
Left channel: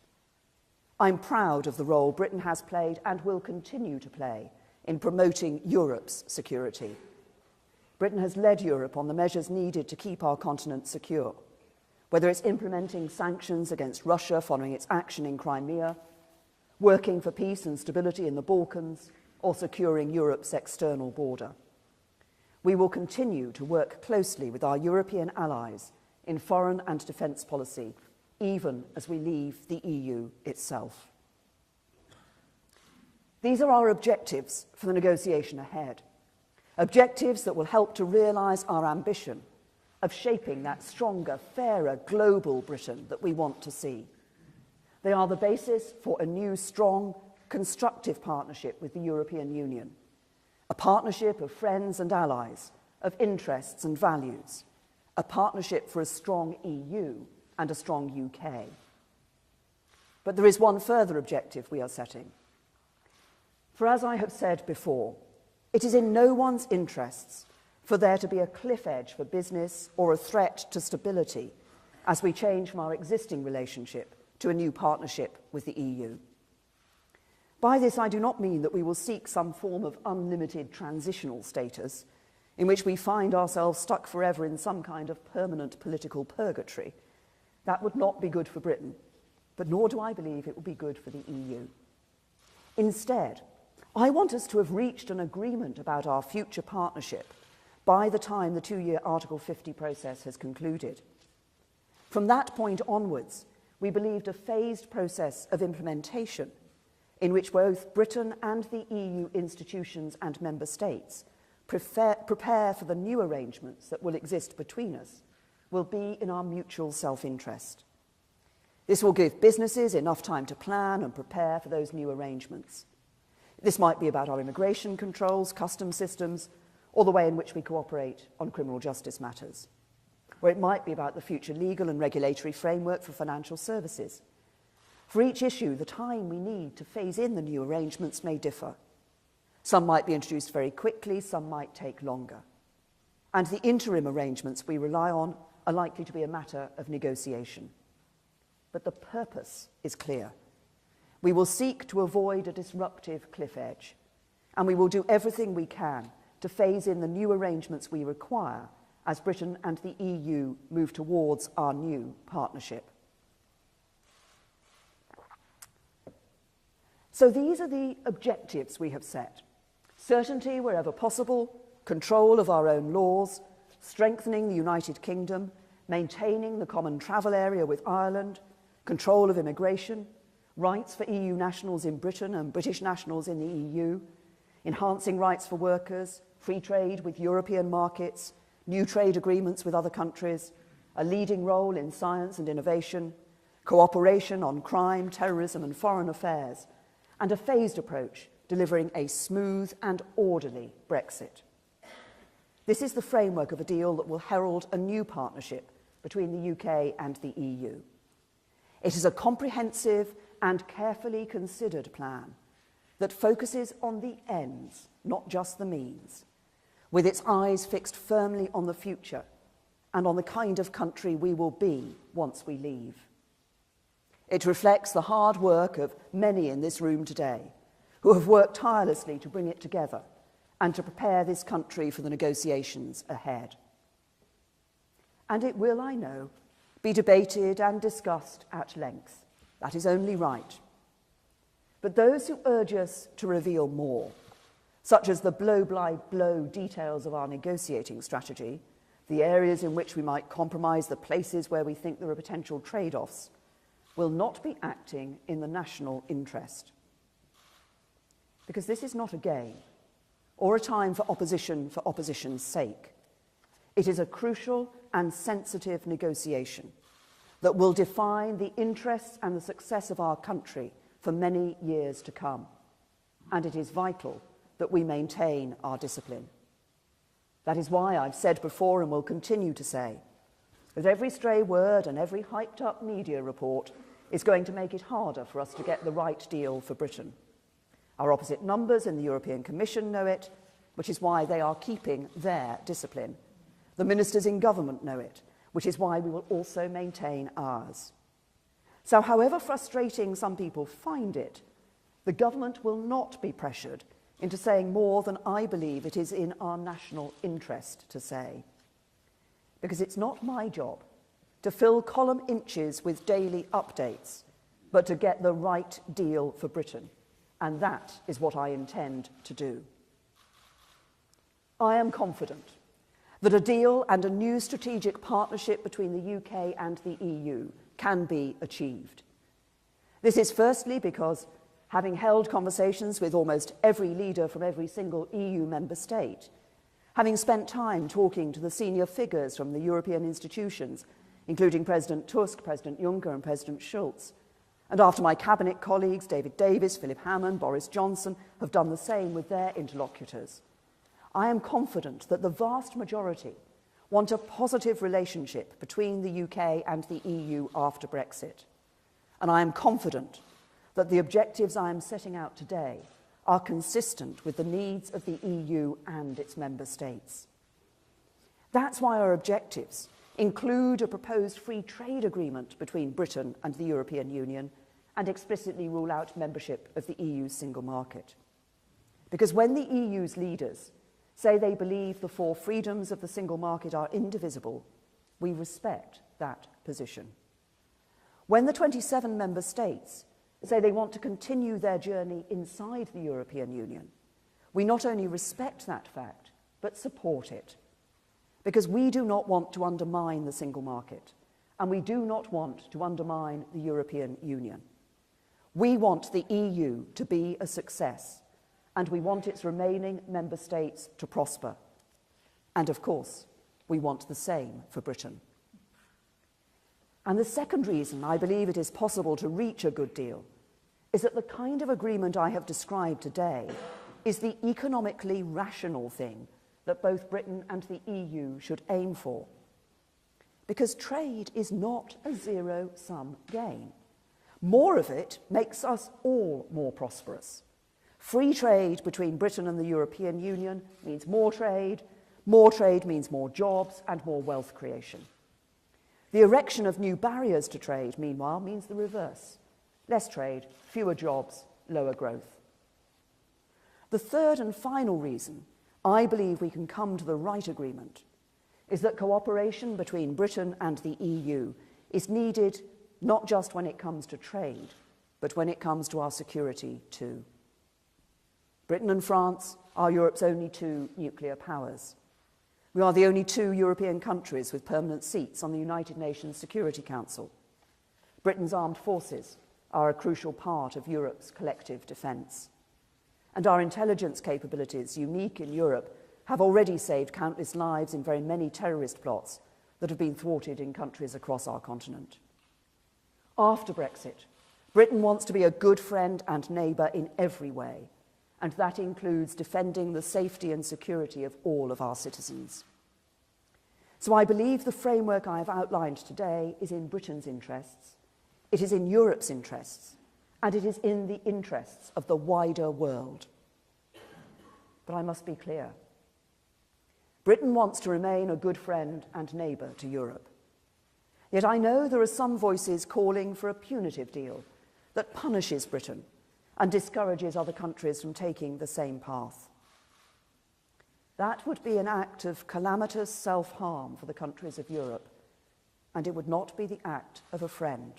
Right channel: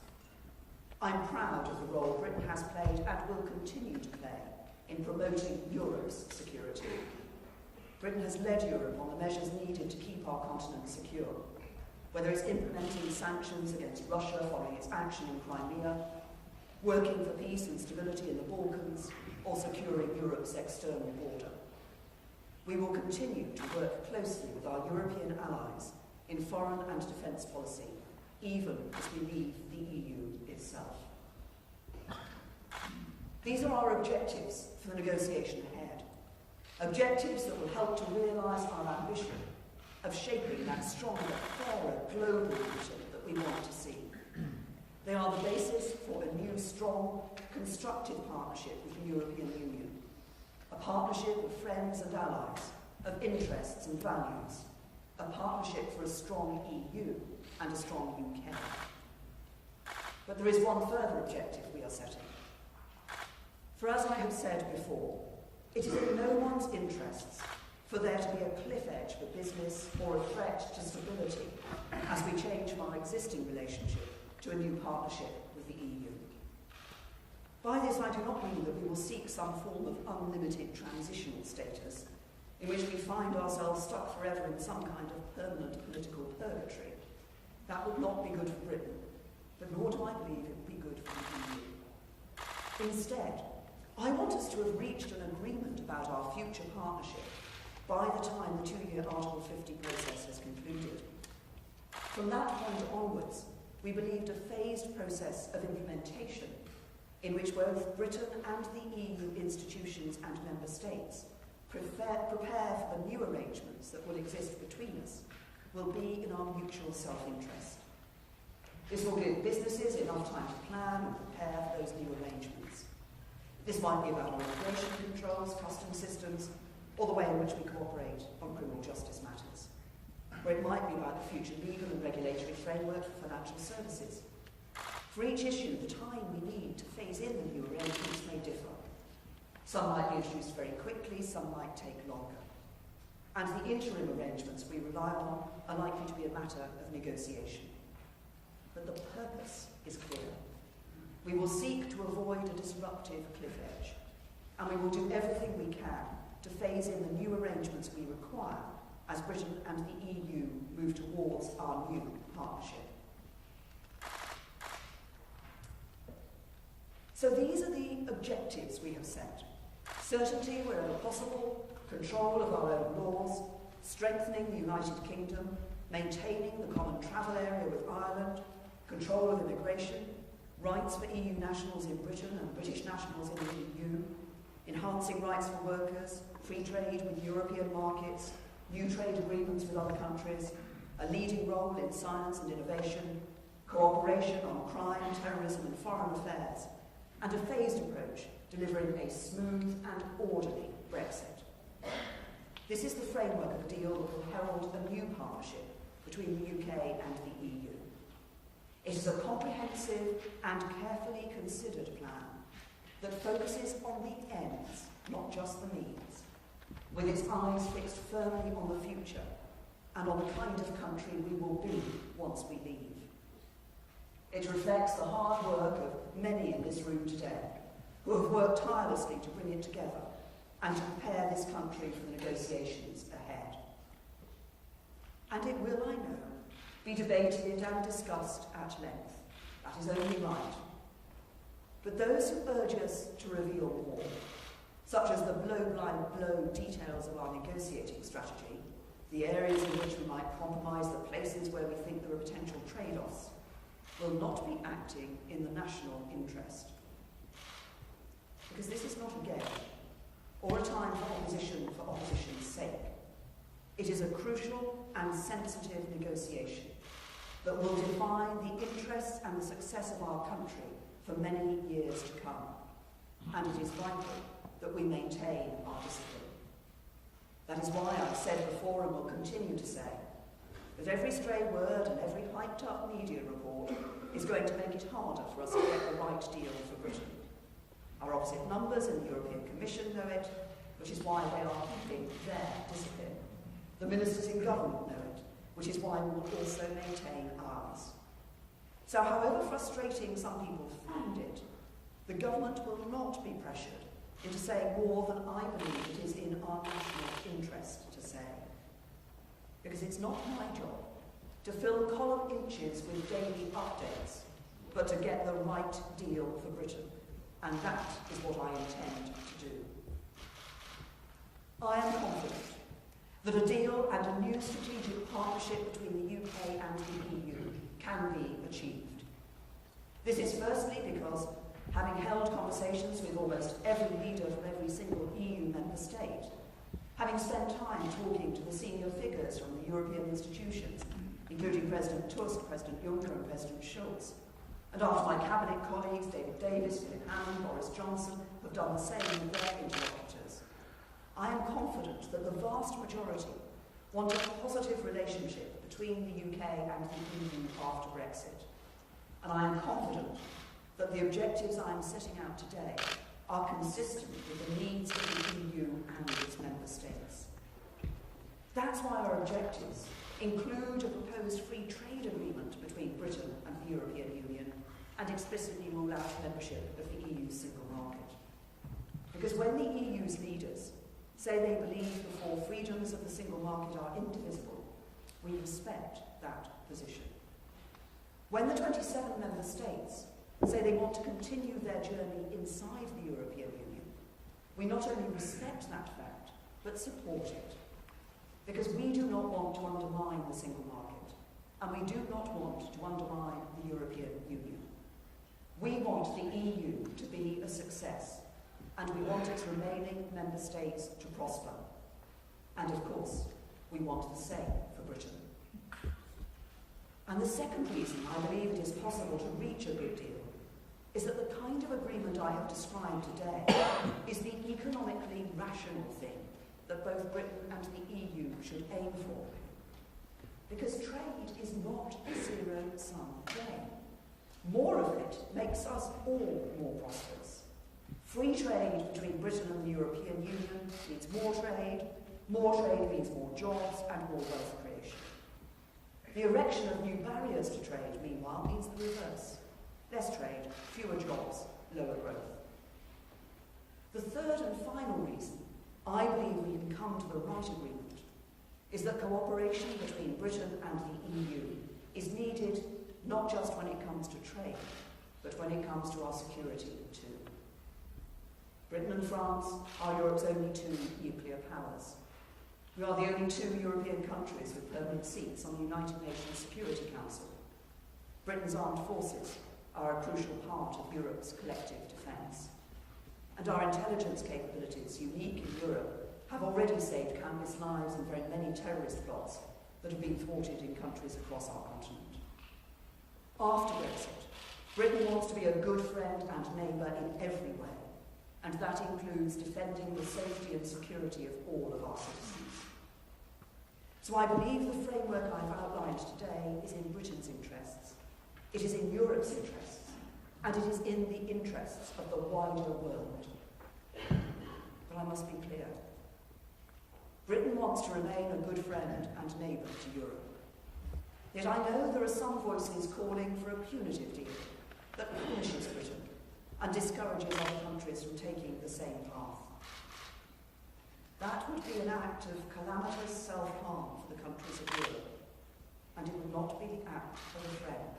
I'm proud of the role Britain has played and will continue to play in promoting Europe's security. Britain has led Europe on the measures needed to keep our continent secure, whether it's implementing sanctions against Russia following its action in Crimea, working for peace and stability in the Balkans, or securing Europe's external border. We will continue to work closely with our European allies in foreign and defence policy, even as we leave the EU itself. These are our objectives for the negotiation ahead, objectives that will help to realise our ambition of shaping that stronger, fairer global Britain that we want to see. They are the basis for a new, strong, constructive partnership with the European Union, a partnership of friends and allies, of interests and values, a partnership for a strong EU and a strong UK. But there is one further objective we are setting. For as I have said before, it is in no one's interests for there to be a cliff edge for business or a threat to stability as we change from our existing relationship to a new partnership with the EU. By this, I do not mean that we will seek some form of unlimited transitional status in which we find ourselves stuck forever in some kind of permanent political purgatory. That would not be good for Britain, but nor do I believe it will be good for the EU. Instead, I want us to have reached an agreement about our future partnership by the time the 2-year Article 50 process has concluded. From that point onwards, we believed a phased process of implementation in which both Britain and the EU institutions and member states prepare for the new arrangements that will exist between us will be in our mutual self-interest. This will give businesses enough time to plan and prepare for those new arrangements. This might be about our immigration controls, customs systems, or the way in which we cooperate on criminal justice matters. Or it might be about the future legal and regulatory framework for financial services. For each issue, the time we need to phase in the new arrangements may differ. Some might be introduced very quickly, some might take longer. And the interim arrangements we rely on are likely to be a matter of negotiation. But the purpose is clear. We will seek to avoid a disruptive cliff edge, and we will do everything we can to phase in the new arrangements we require as Britain and the EU move towards our new partnership. So these are the objectives we have set. Certainty wherever possible, control of our own laws, strengthening the United Kingdom, maintaining the common travel area with Ireland, control of immigration, rights for EU nationals in Britain and British nationals in the EU, enhancing rights for workers, free trade with European markets, new trade agreements with other countries, a leading role in science and innovation, cooperation on crime, terrorism and foreign affairs, and a phased approach delivering a smooth and orderly Brexit. This is the framework of a deal that will herald a new partnership between the UK and the EU. It is a comprehensive and carefully considered plan that focuses on the ends, not just the means, with its eyes fixed firmly on the future and on the kind of country we will be once we leave. It reflects the hard work of many in this room today who have worked tirelessly to bring it together and to prepare this country for the negotiations ahead. And it will, I know, be debated and discussed at length. That is only right. But those who urge us to reveal more, such as the blow-by-blow details of our negotiating strategy, the areas in which we might compromise, the places where we think there are potential trade-offs, will not be acting in the national interest. Because this is not a game or a time for opposition's sake. It is a crucial and sensitive negotiation that will define the interests and the success of our country for many years to come. And it is vital that we maintain our discipline. That is why I've said before and will continue to say that every stray word and every hyped-up media report is going to make it harder for us to get the right deal for Britain. Our opposite numbers in the European Commission know it, which is why they are keeping their discipline. The ministers in government know it, which is why we will also maintain ours. So however frustrating some people find it, the government will not be pressured into saying more than I believe it is in our national interest to say. Because it's not my job to fill column inches with daily updates, but to get the right deal for Britain. And that is what I intend to do. I am confident that a deal and a new strategic partnership between the UK and the EU can be achieved. This is firstly because, having held conversations with almost every leader from every single EU member state, having spent time talking to the senior figures from the European institutions, including President Tusk, President Juncker and President Schulz, and after my cabinet colleagues David Davis, Philip Hammond, Boris Johnson have done the same with their interlocutors, I am confident that the vast majority want a positive relationship between the UK and the EU after Brexit. And I am confident that the objectives I am setting out today are consistent with the needs of the EU and its member states. That's why our objectives include a proposed free trade agreement between Britain and the European Union and explicitly rule out membership of the EU's single market. Because when the EU's leaders say they believe the four freedoms of the single market are indivisible, we respect that position. When the 27 member states say they want to continue their journey inside the European Union, we not only respect that fact, but support it. because we do not want to undermine the single market, and we do not want to undermine the European Union. We want the EU to be a success, and we want its remaining member states to prosper. And of course, we want the same for Britain. And the second reason I believe it is possible to reach a good deal is that the kind of agreement I have described today is the economically rational thing that both Britain and the EU should aim for. Because trade is not a zero-sum game. More of it makes us all more prosperous. Free trade between Britain and the European Union means more trade means more jobs and more wealth creation. The erection of new barriers to trade, meanwhile, means the reverse. Less trade, fewer jobs, lower growth. The third and final reason I believe we can come to the right agreement is that cooperation between Britain and the EU is needed not just when it comes to trade, but when it comes to our security too. Britain and France are Europe's only two nuclear powers. We are the only two European countries with permanent seats on the United Nations Security Council. Britain's armed forces are a crucial part of Europe's collective defence. And our intelligence capabilities, unique in Europe, have already saved countless lives in very many terrorist plots that have been thwarted in countries across our continent. After Brexit, Britain wants to be a good friend and neighbour in every way, and that includes defending the safety and security of all of our citizens. So I believe the framework I have outlined today is in Britain's interests, it is in Europe's interests, and it is in the interests of the wider world. But I must be clear. Britain wants to remain a good friend and neighbour to Europe. Yet I know there are some voices calling for a punitive deal that punishes Britain and discourages other countries from taking the same path. That would be an act of calamitous self-harm for the countries of Europe, and it would not be the act of a friend.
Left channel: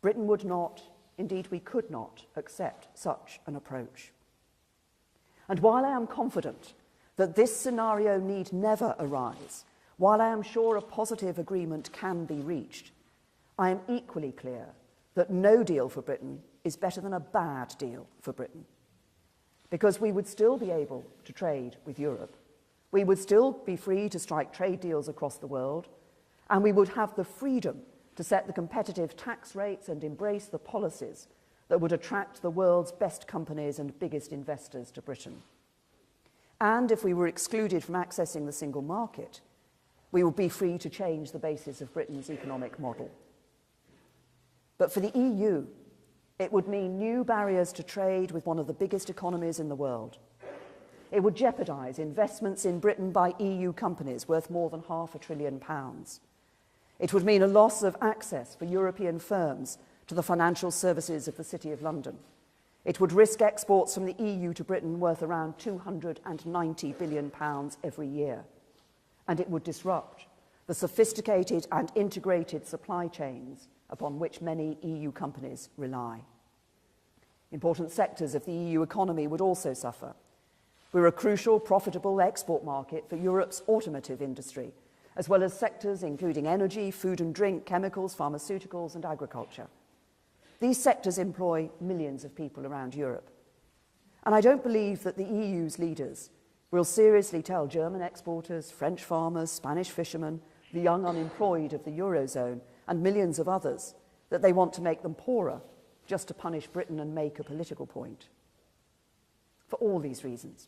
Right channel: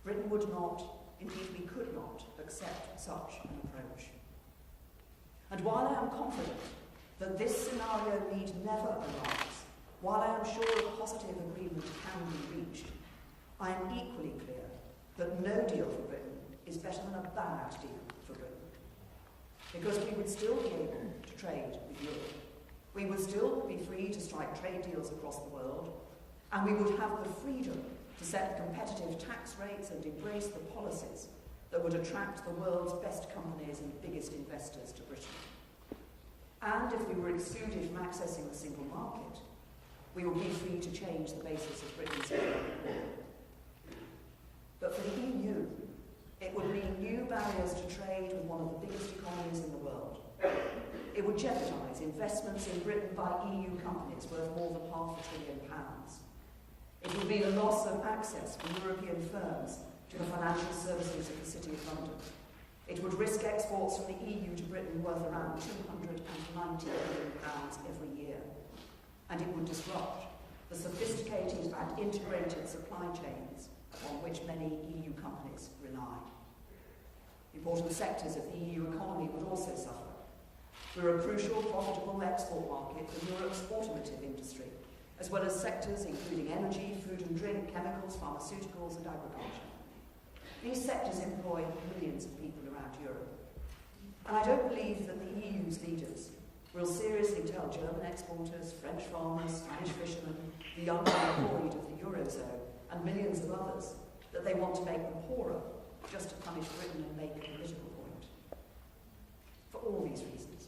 Britain would not, indeed we could not, accept such an approach. And while I am confident that this scenario need never arise, while I am sure a positive agreement can be reached, I am equally clear that no deal for Britain is better than a bad deal for Britain. Because we would still be able to trade with Europe. We would still be free to strike trade deals across the world, and we would have the freedom to set the competitive tax rates and embrace the policies that would attract the world's best companies and biggest investors to Britain. And if we were excluded from accessing the single market, we would be free to change the basis of Britain's economic model. But for the EU, it would mean new barriers to trade with one of the biggest economies in the world. It would jeopardise investments in Britain by EU companies worth more than £500 billion. It would mean a loss of access for European firms to the financial services of the City of London. It would risk exports from the EU to Britain worth around £290 billion every year. And it would disrupt the sophisticated and integrated supply chains upon which many EU companies rely. Important sectors of the EU economy would also suffer. We're a crucial, profitable export market for Europe's automotive industry, as well as sectors including energy, food and drink, chemicals, pharmaceuticals and agriculture. These sectors employ millions of people around Europe. And I don't believe that the EU's leaders will seriously tell German exporters, French farmers, Spanish fishermen, the young unemployed of the Eurozone, and millions of others that they want to make them poorer just to punish Britain and make a political point. For all these reasons,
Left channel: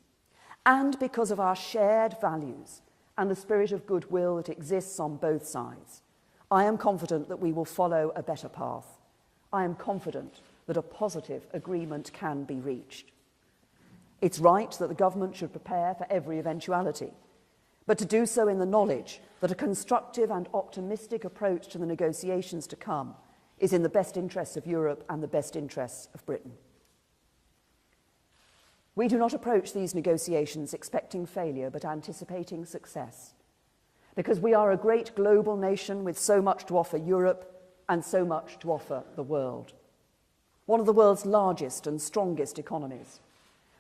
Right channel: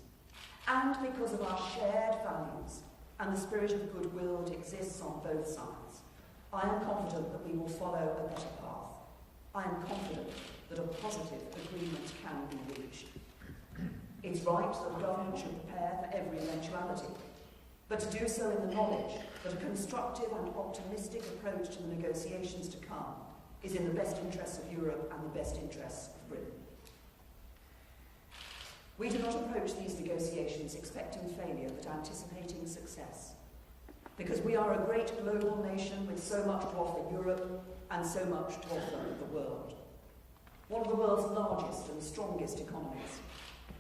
and because of our shared values and the spirit of goodwill that exists on both sides, I am confident that we will follow a better path. I am confident that a positive agreement can be reached. It's right that the government should prepare for every eventuality, but to do so in the knowledge that a constructive and optimistic approach to the negotiations to come is in the best interests of Europe and the best interests of Britain. We do not approach these negotiations expecting failure, but anticipating success, because we are a great global nation with so much to offer Europe and so much to offer the world. One of the world's largest and strongest economies,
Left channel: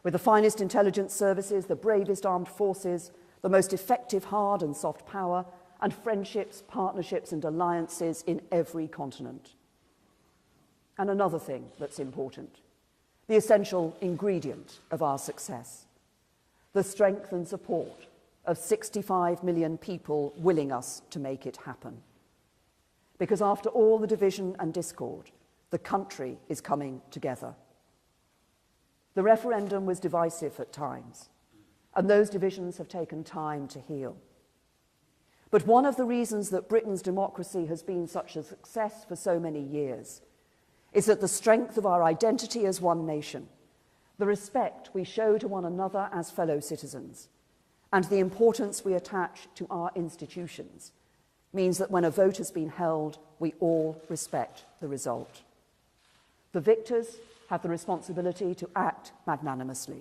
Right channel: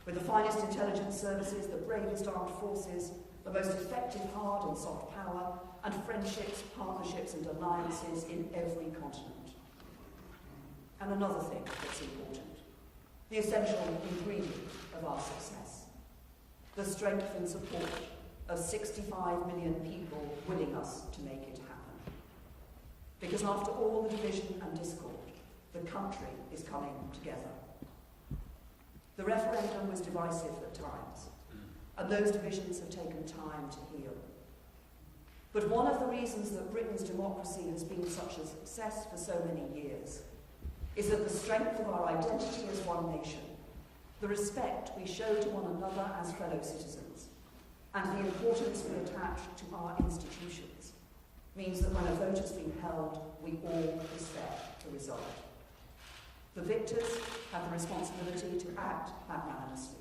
with the finest intelligence services, the bravest armed forces, the most effective hard and soft power, and friendships, partnerships and alliances in every continent. And another thing that's important, the essential ingredient of our success, the strength and support of 65 million people willing us to make it happen. Because after all the division and discord, the country is coming together. The referendum was divisive at times, and those divisions have taken time to heal. But one of the reasons that Britain's democracy has been such a success for so many years is that the strength of our identity as one nation, the respect we show to one another as fellow citizens, and the importance we attach to our institutions means that when a vote has been held, we all respect the result. The victors have the responsibility to act magnanimously.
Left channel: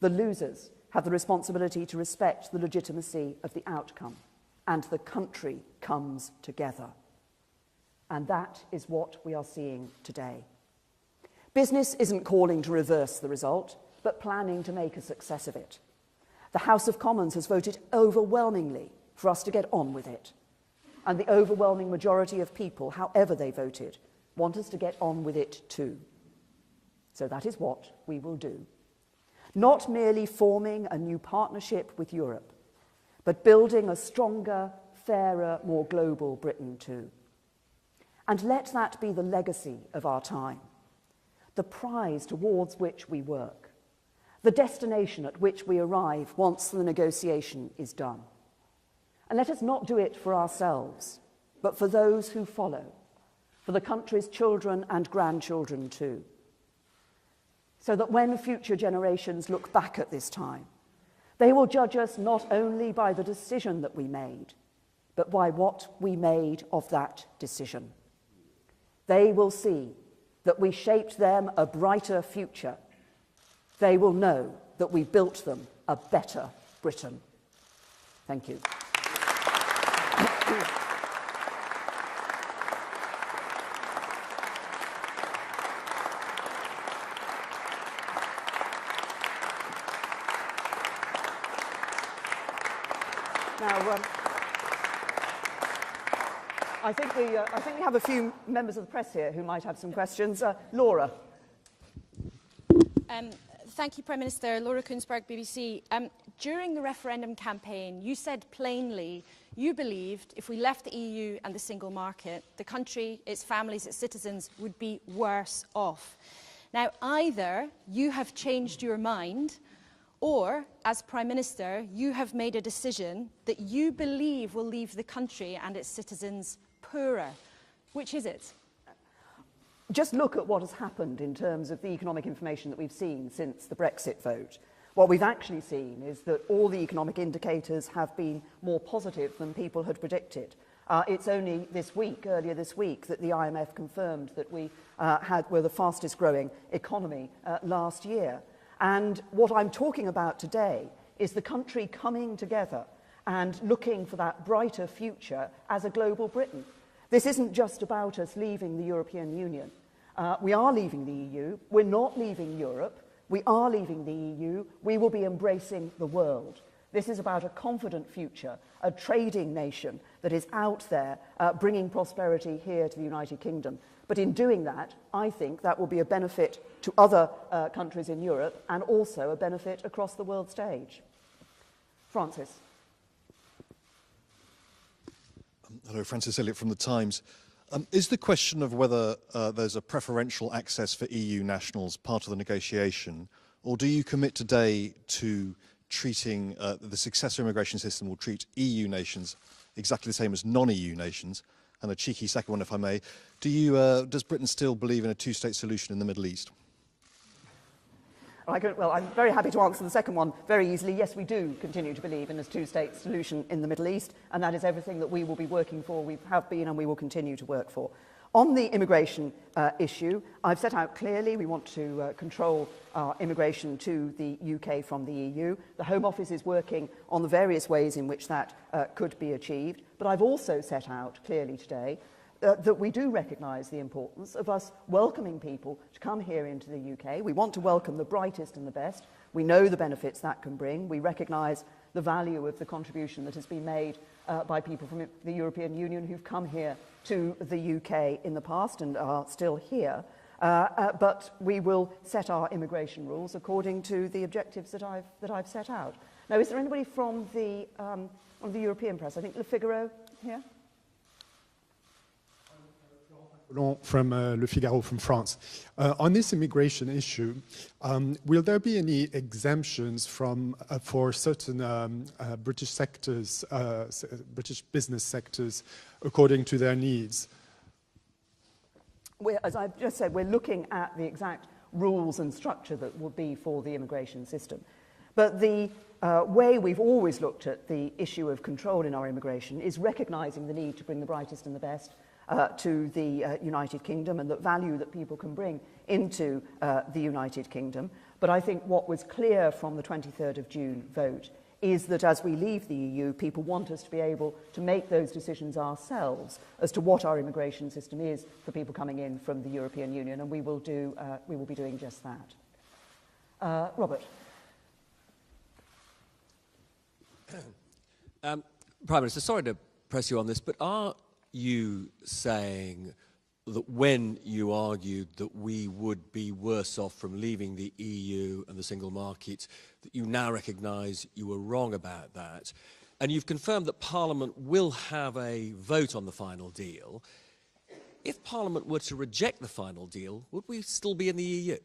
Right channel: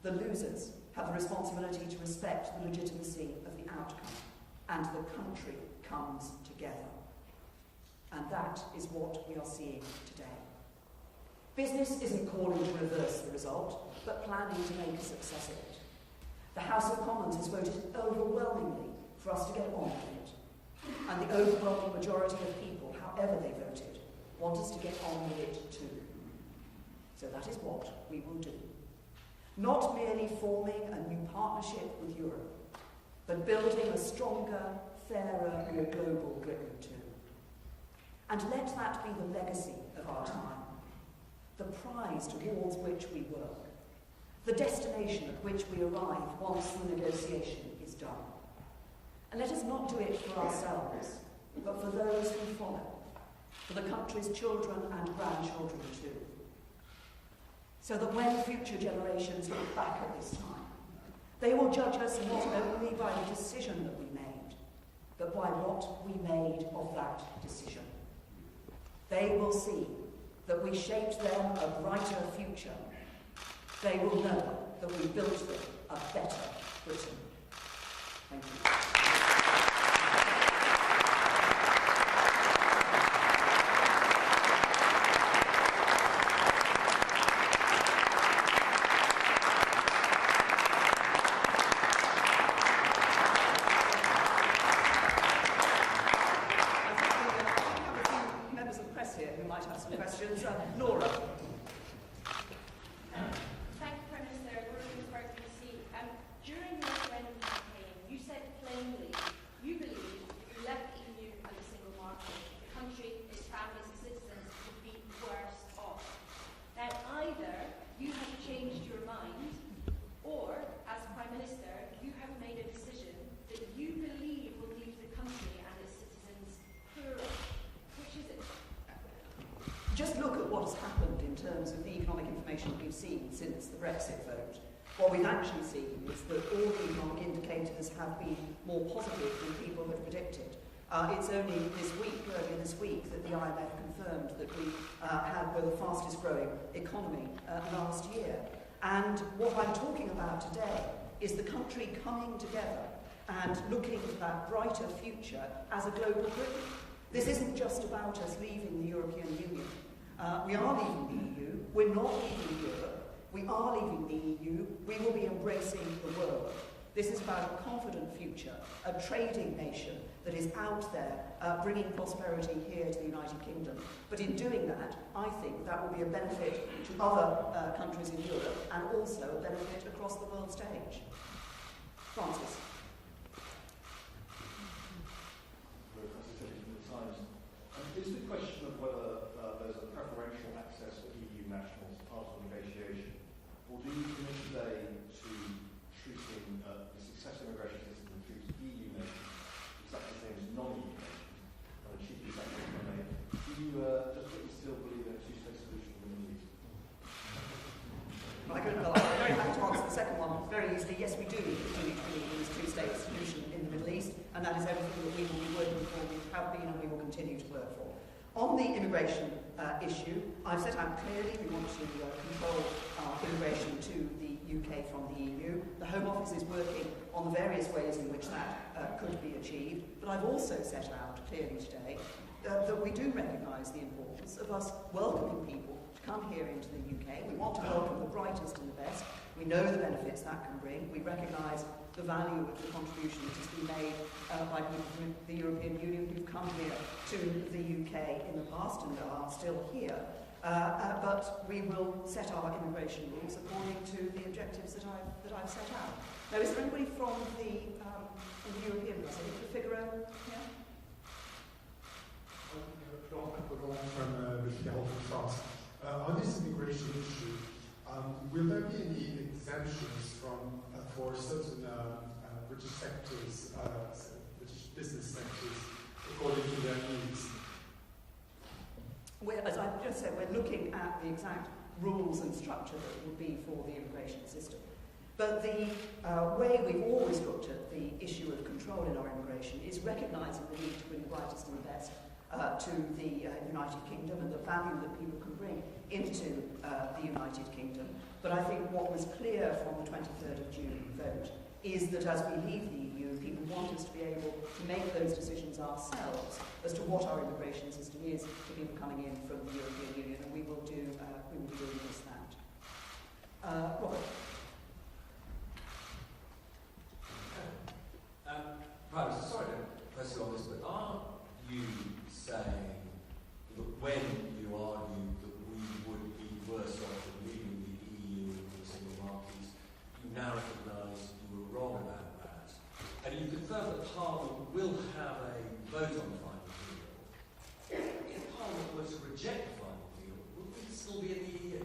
The losers have the responsibility to respect the legitimacy of the outcome, and the country comes together. And that is what we are seeing today. Business isn't calling to reverse the result, but planning to make a success of it. The House of Commons has voted overwhelmingly for us to get on with it. And the overwhelming majority of people, however they voted, want us to get on with it too. So that is what we will do. Not merely forming a new partnership with Europe, but building a stronger, fairer, more global Britain too. And let that be the legacy of our time, the prize towards which we work, the destination at which we arrive once the negotiation is done. And let us not do it for ourselves, but for those who follow, for the country's children and grandchildren too. So that when future generations look back at this time, they will judge us not only by the decision that we made, but by what we made of that decision. They will see that we shaped them a brighter future. They will know that we built them a better Britain. Thank you. I think we have a few members of the press here who might have some questions. Laura. Thank you, Prime Minister. Laura Koonsberg, BBC. During the referendum campaign, you said plainly you believed if we left the EU and the single market, the country, its families, its citizens would be worse off. Now, either you have changed your mind, or, as Prime Minister, you have made a decision that you believe will leave the country and its citizens poorer. Which is it? Just look at what has happened in terms of the economic information that we've seen since the Brexit vote. What we've actually seen is that all the economic indicators have been more positive than people had predicted. It's only earlier this week, that the IMF confirmed that we were the fastest growing economy last year. And what I'm talking about today is the country coming together and looking for that brighter future as a global Britain. This isn't just about us leaving the European Union. We are leaving the EU. We're not leaving Europe. We are leaving the EU. We will be embracing the world. This is about a confident future, a trading nation that is out there bringing prosperity here to the United Kingdom. But in doing that, I think that will be a benefit to other countries in Europe and also a benefit across the world stage. Francis. Hello, Francis Elliott from The Times. Is the question of whether there's a preferential access for EU nationals part of the negotiation, or do you commit today to treating the successor immigration system will treat EU nations exactly the same as non-EU nations? And a cheeky second one, if I may. Does Britain still believe in a two-state solution in the Middle East? I'm very happy to answer the second one very easily. Yes, we do continue to believe in this two-state solution in the Middle East, and that is everything that we will be working for, we have been, and we will continue to work for. On the immigration issue, I've set out clearly we want to control our immigration to the UK from the EU. The Home Office is working on the various ways in which that could be achieved, but I've also set out clearly today that we do recognise the importance of us welcoming people to come here into the UK. We want to welcome the brightest and the best. We know the benefits that can bring. We recognise the value of the contribution that has been made by people from the European Union who've come here to the UK in the past and are still here. But we will set our immigration rules according to the objectives that I've set out. Now, is there anybody from the European press? I think Le Figaro here. From Le Figaro from France. On this immigration issue, will there be any exemptions for certain British sectors, British business sectors, according to their needs? As I've just said, we're looking at the exact rules and structure that will be for the immigration system. But the way we've always looked at the issue of control in our immigration is recognising the need to bring the brightest and the best to the United Kingdom and the value that people can bring into the United Kingdom. But I think what was clear from the 23rd of June vote is that as we leave the EU, people want us to be able to make those decisions ourselves as to what our immigration system is for people coming in from the European Union, and we will be doing just that. Robert. Prime Minister, sorry to press you on this, but are you saying that when you argued that we would be worse off from leaving the EU and the single market, that you now recognise you were wrong about that? And you've confirmed that Parliament will have a vote on the final deal. If Parliament were to reject the final deal, would we still be in the EU?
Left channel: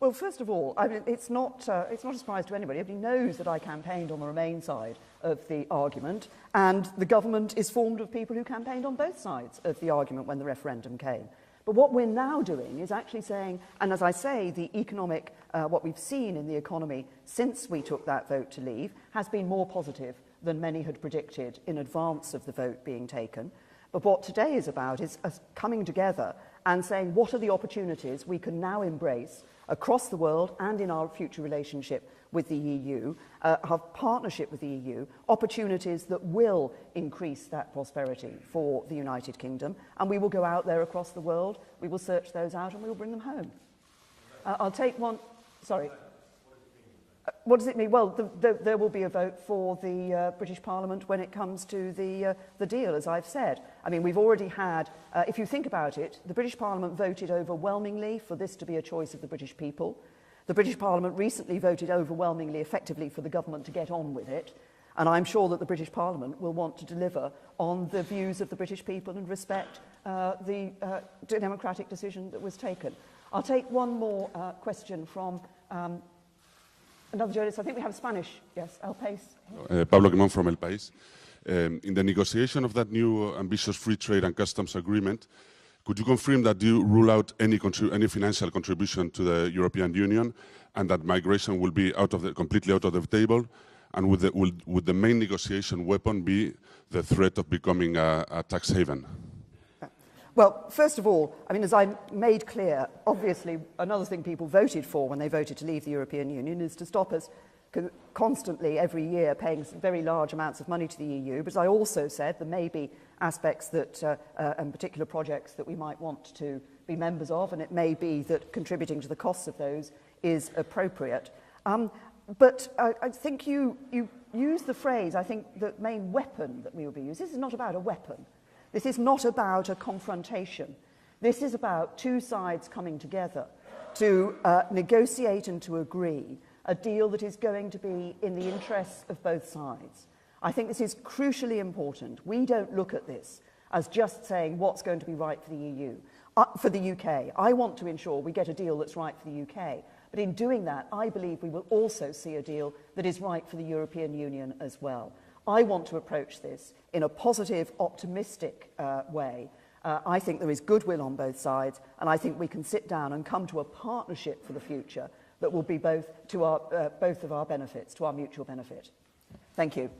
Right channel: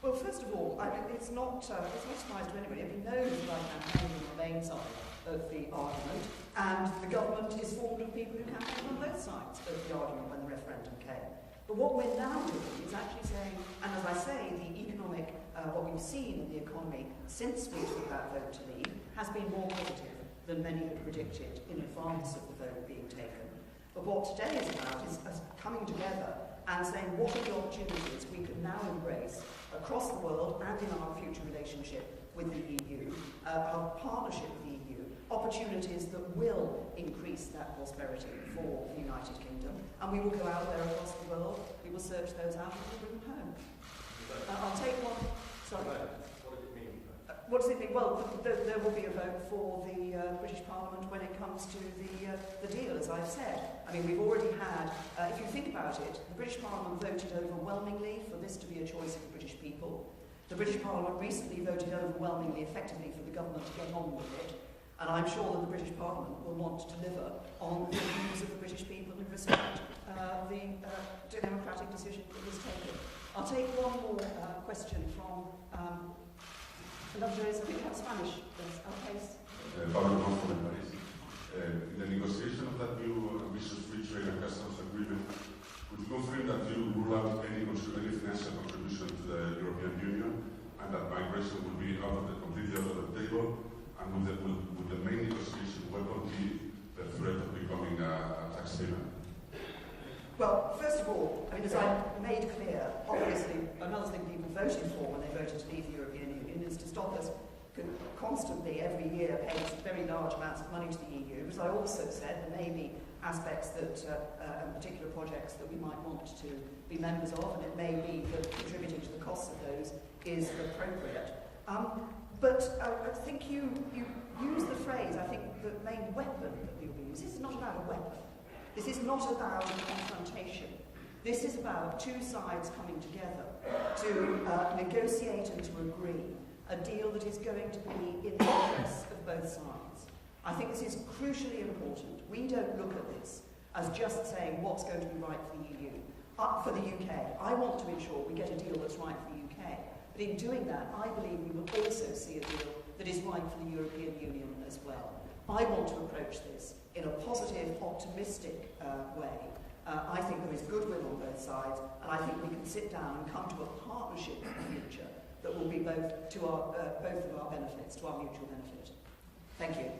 Well, first of all, I mean, it's not a surprise to anybody. Everybody knows that I campaigned on the Remain side of the argument, and the government is formed of people who campaigned on both sides of the argument when the referendum came. But what we're now doing is actually saying, and as I say, the economic, what we've seen in the economy since we took that vote to leave has been more positive than many had predicted in advance of the vote being taken. But what today is about is us coming together and saying what are the opportunities we can now embrace across the world and in our future relationship with the EU, our partnership with the EU, opportunities that will increase that prosperity for the United Kingdom, and we will go out there across the world, we will search those out and we will bring them home. I'll take one, sorry. What does it mean? Well, there will be a vote for the British Parliament when it comes to the deal, as I've said. I mean, we've already had, if you think about it, the British Parliament voted overwhelmingly for this to be a choice of the British people. The British Parliament recently voted overwhelmingly effectively for the government to get on with it, and I'm sure that the British Parliament will want to deliver on the views of the British people and respect the democratic decision that was taken. I'll take one more question from another journalist. I think we have Spanish. Yes, El País. Pablo Quemón from El País. In the negotiation of that new ambitious free trade and customs agreement, could you confirm that you rule out any financial contribution to the European Union, and that migration will be completely out of the table? And would the main negotiation weapon be the threat of becoming a tax haven? Well, first of all, I mean, as I made clear, obviously another thing people voted for when they voted to leave the European Union is to stop us constantly every year paying very large amounts of money to the EU. But as I also said, there may be aspects that and particular projects that we might want to be members of, and it may be that contributing to the costs of those is appropriate. But I think you use the phrase, I think the main weapon that we will be using. This is not about a weapon. This is not about a confrontation. This is about two sides coming together to negotiate and to agree a deal that is going to be in the interests of both sides. I think this is crucially important. We don't look at this as just saying what's going to be right for the EU, for the UK. I want to ensure we get a deal that's right for the UK. But in doing that, I believe we will also see a deal that is right for the European Union as well. I want to approach this in a positive, optimistic way. I think there is goodwill on both sides, and I think we can sit down and come to a partnership for the future that will be both of our benefits, to our mutual benefit. Thank you.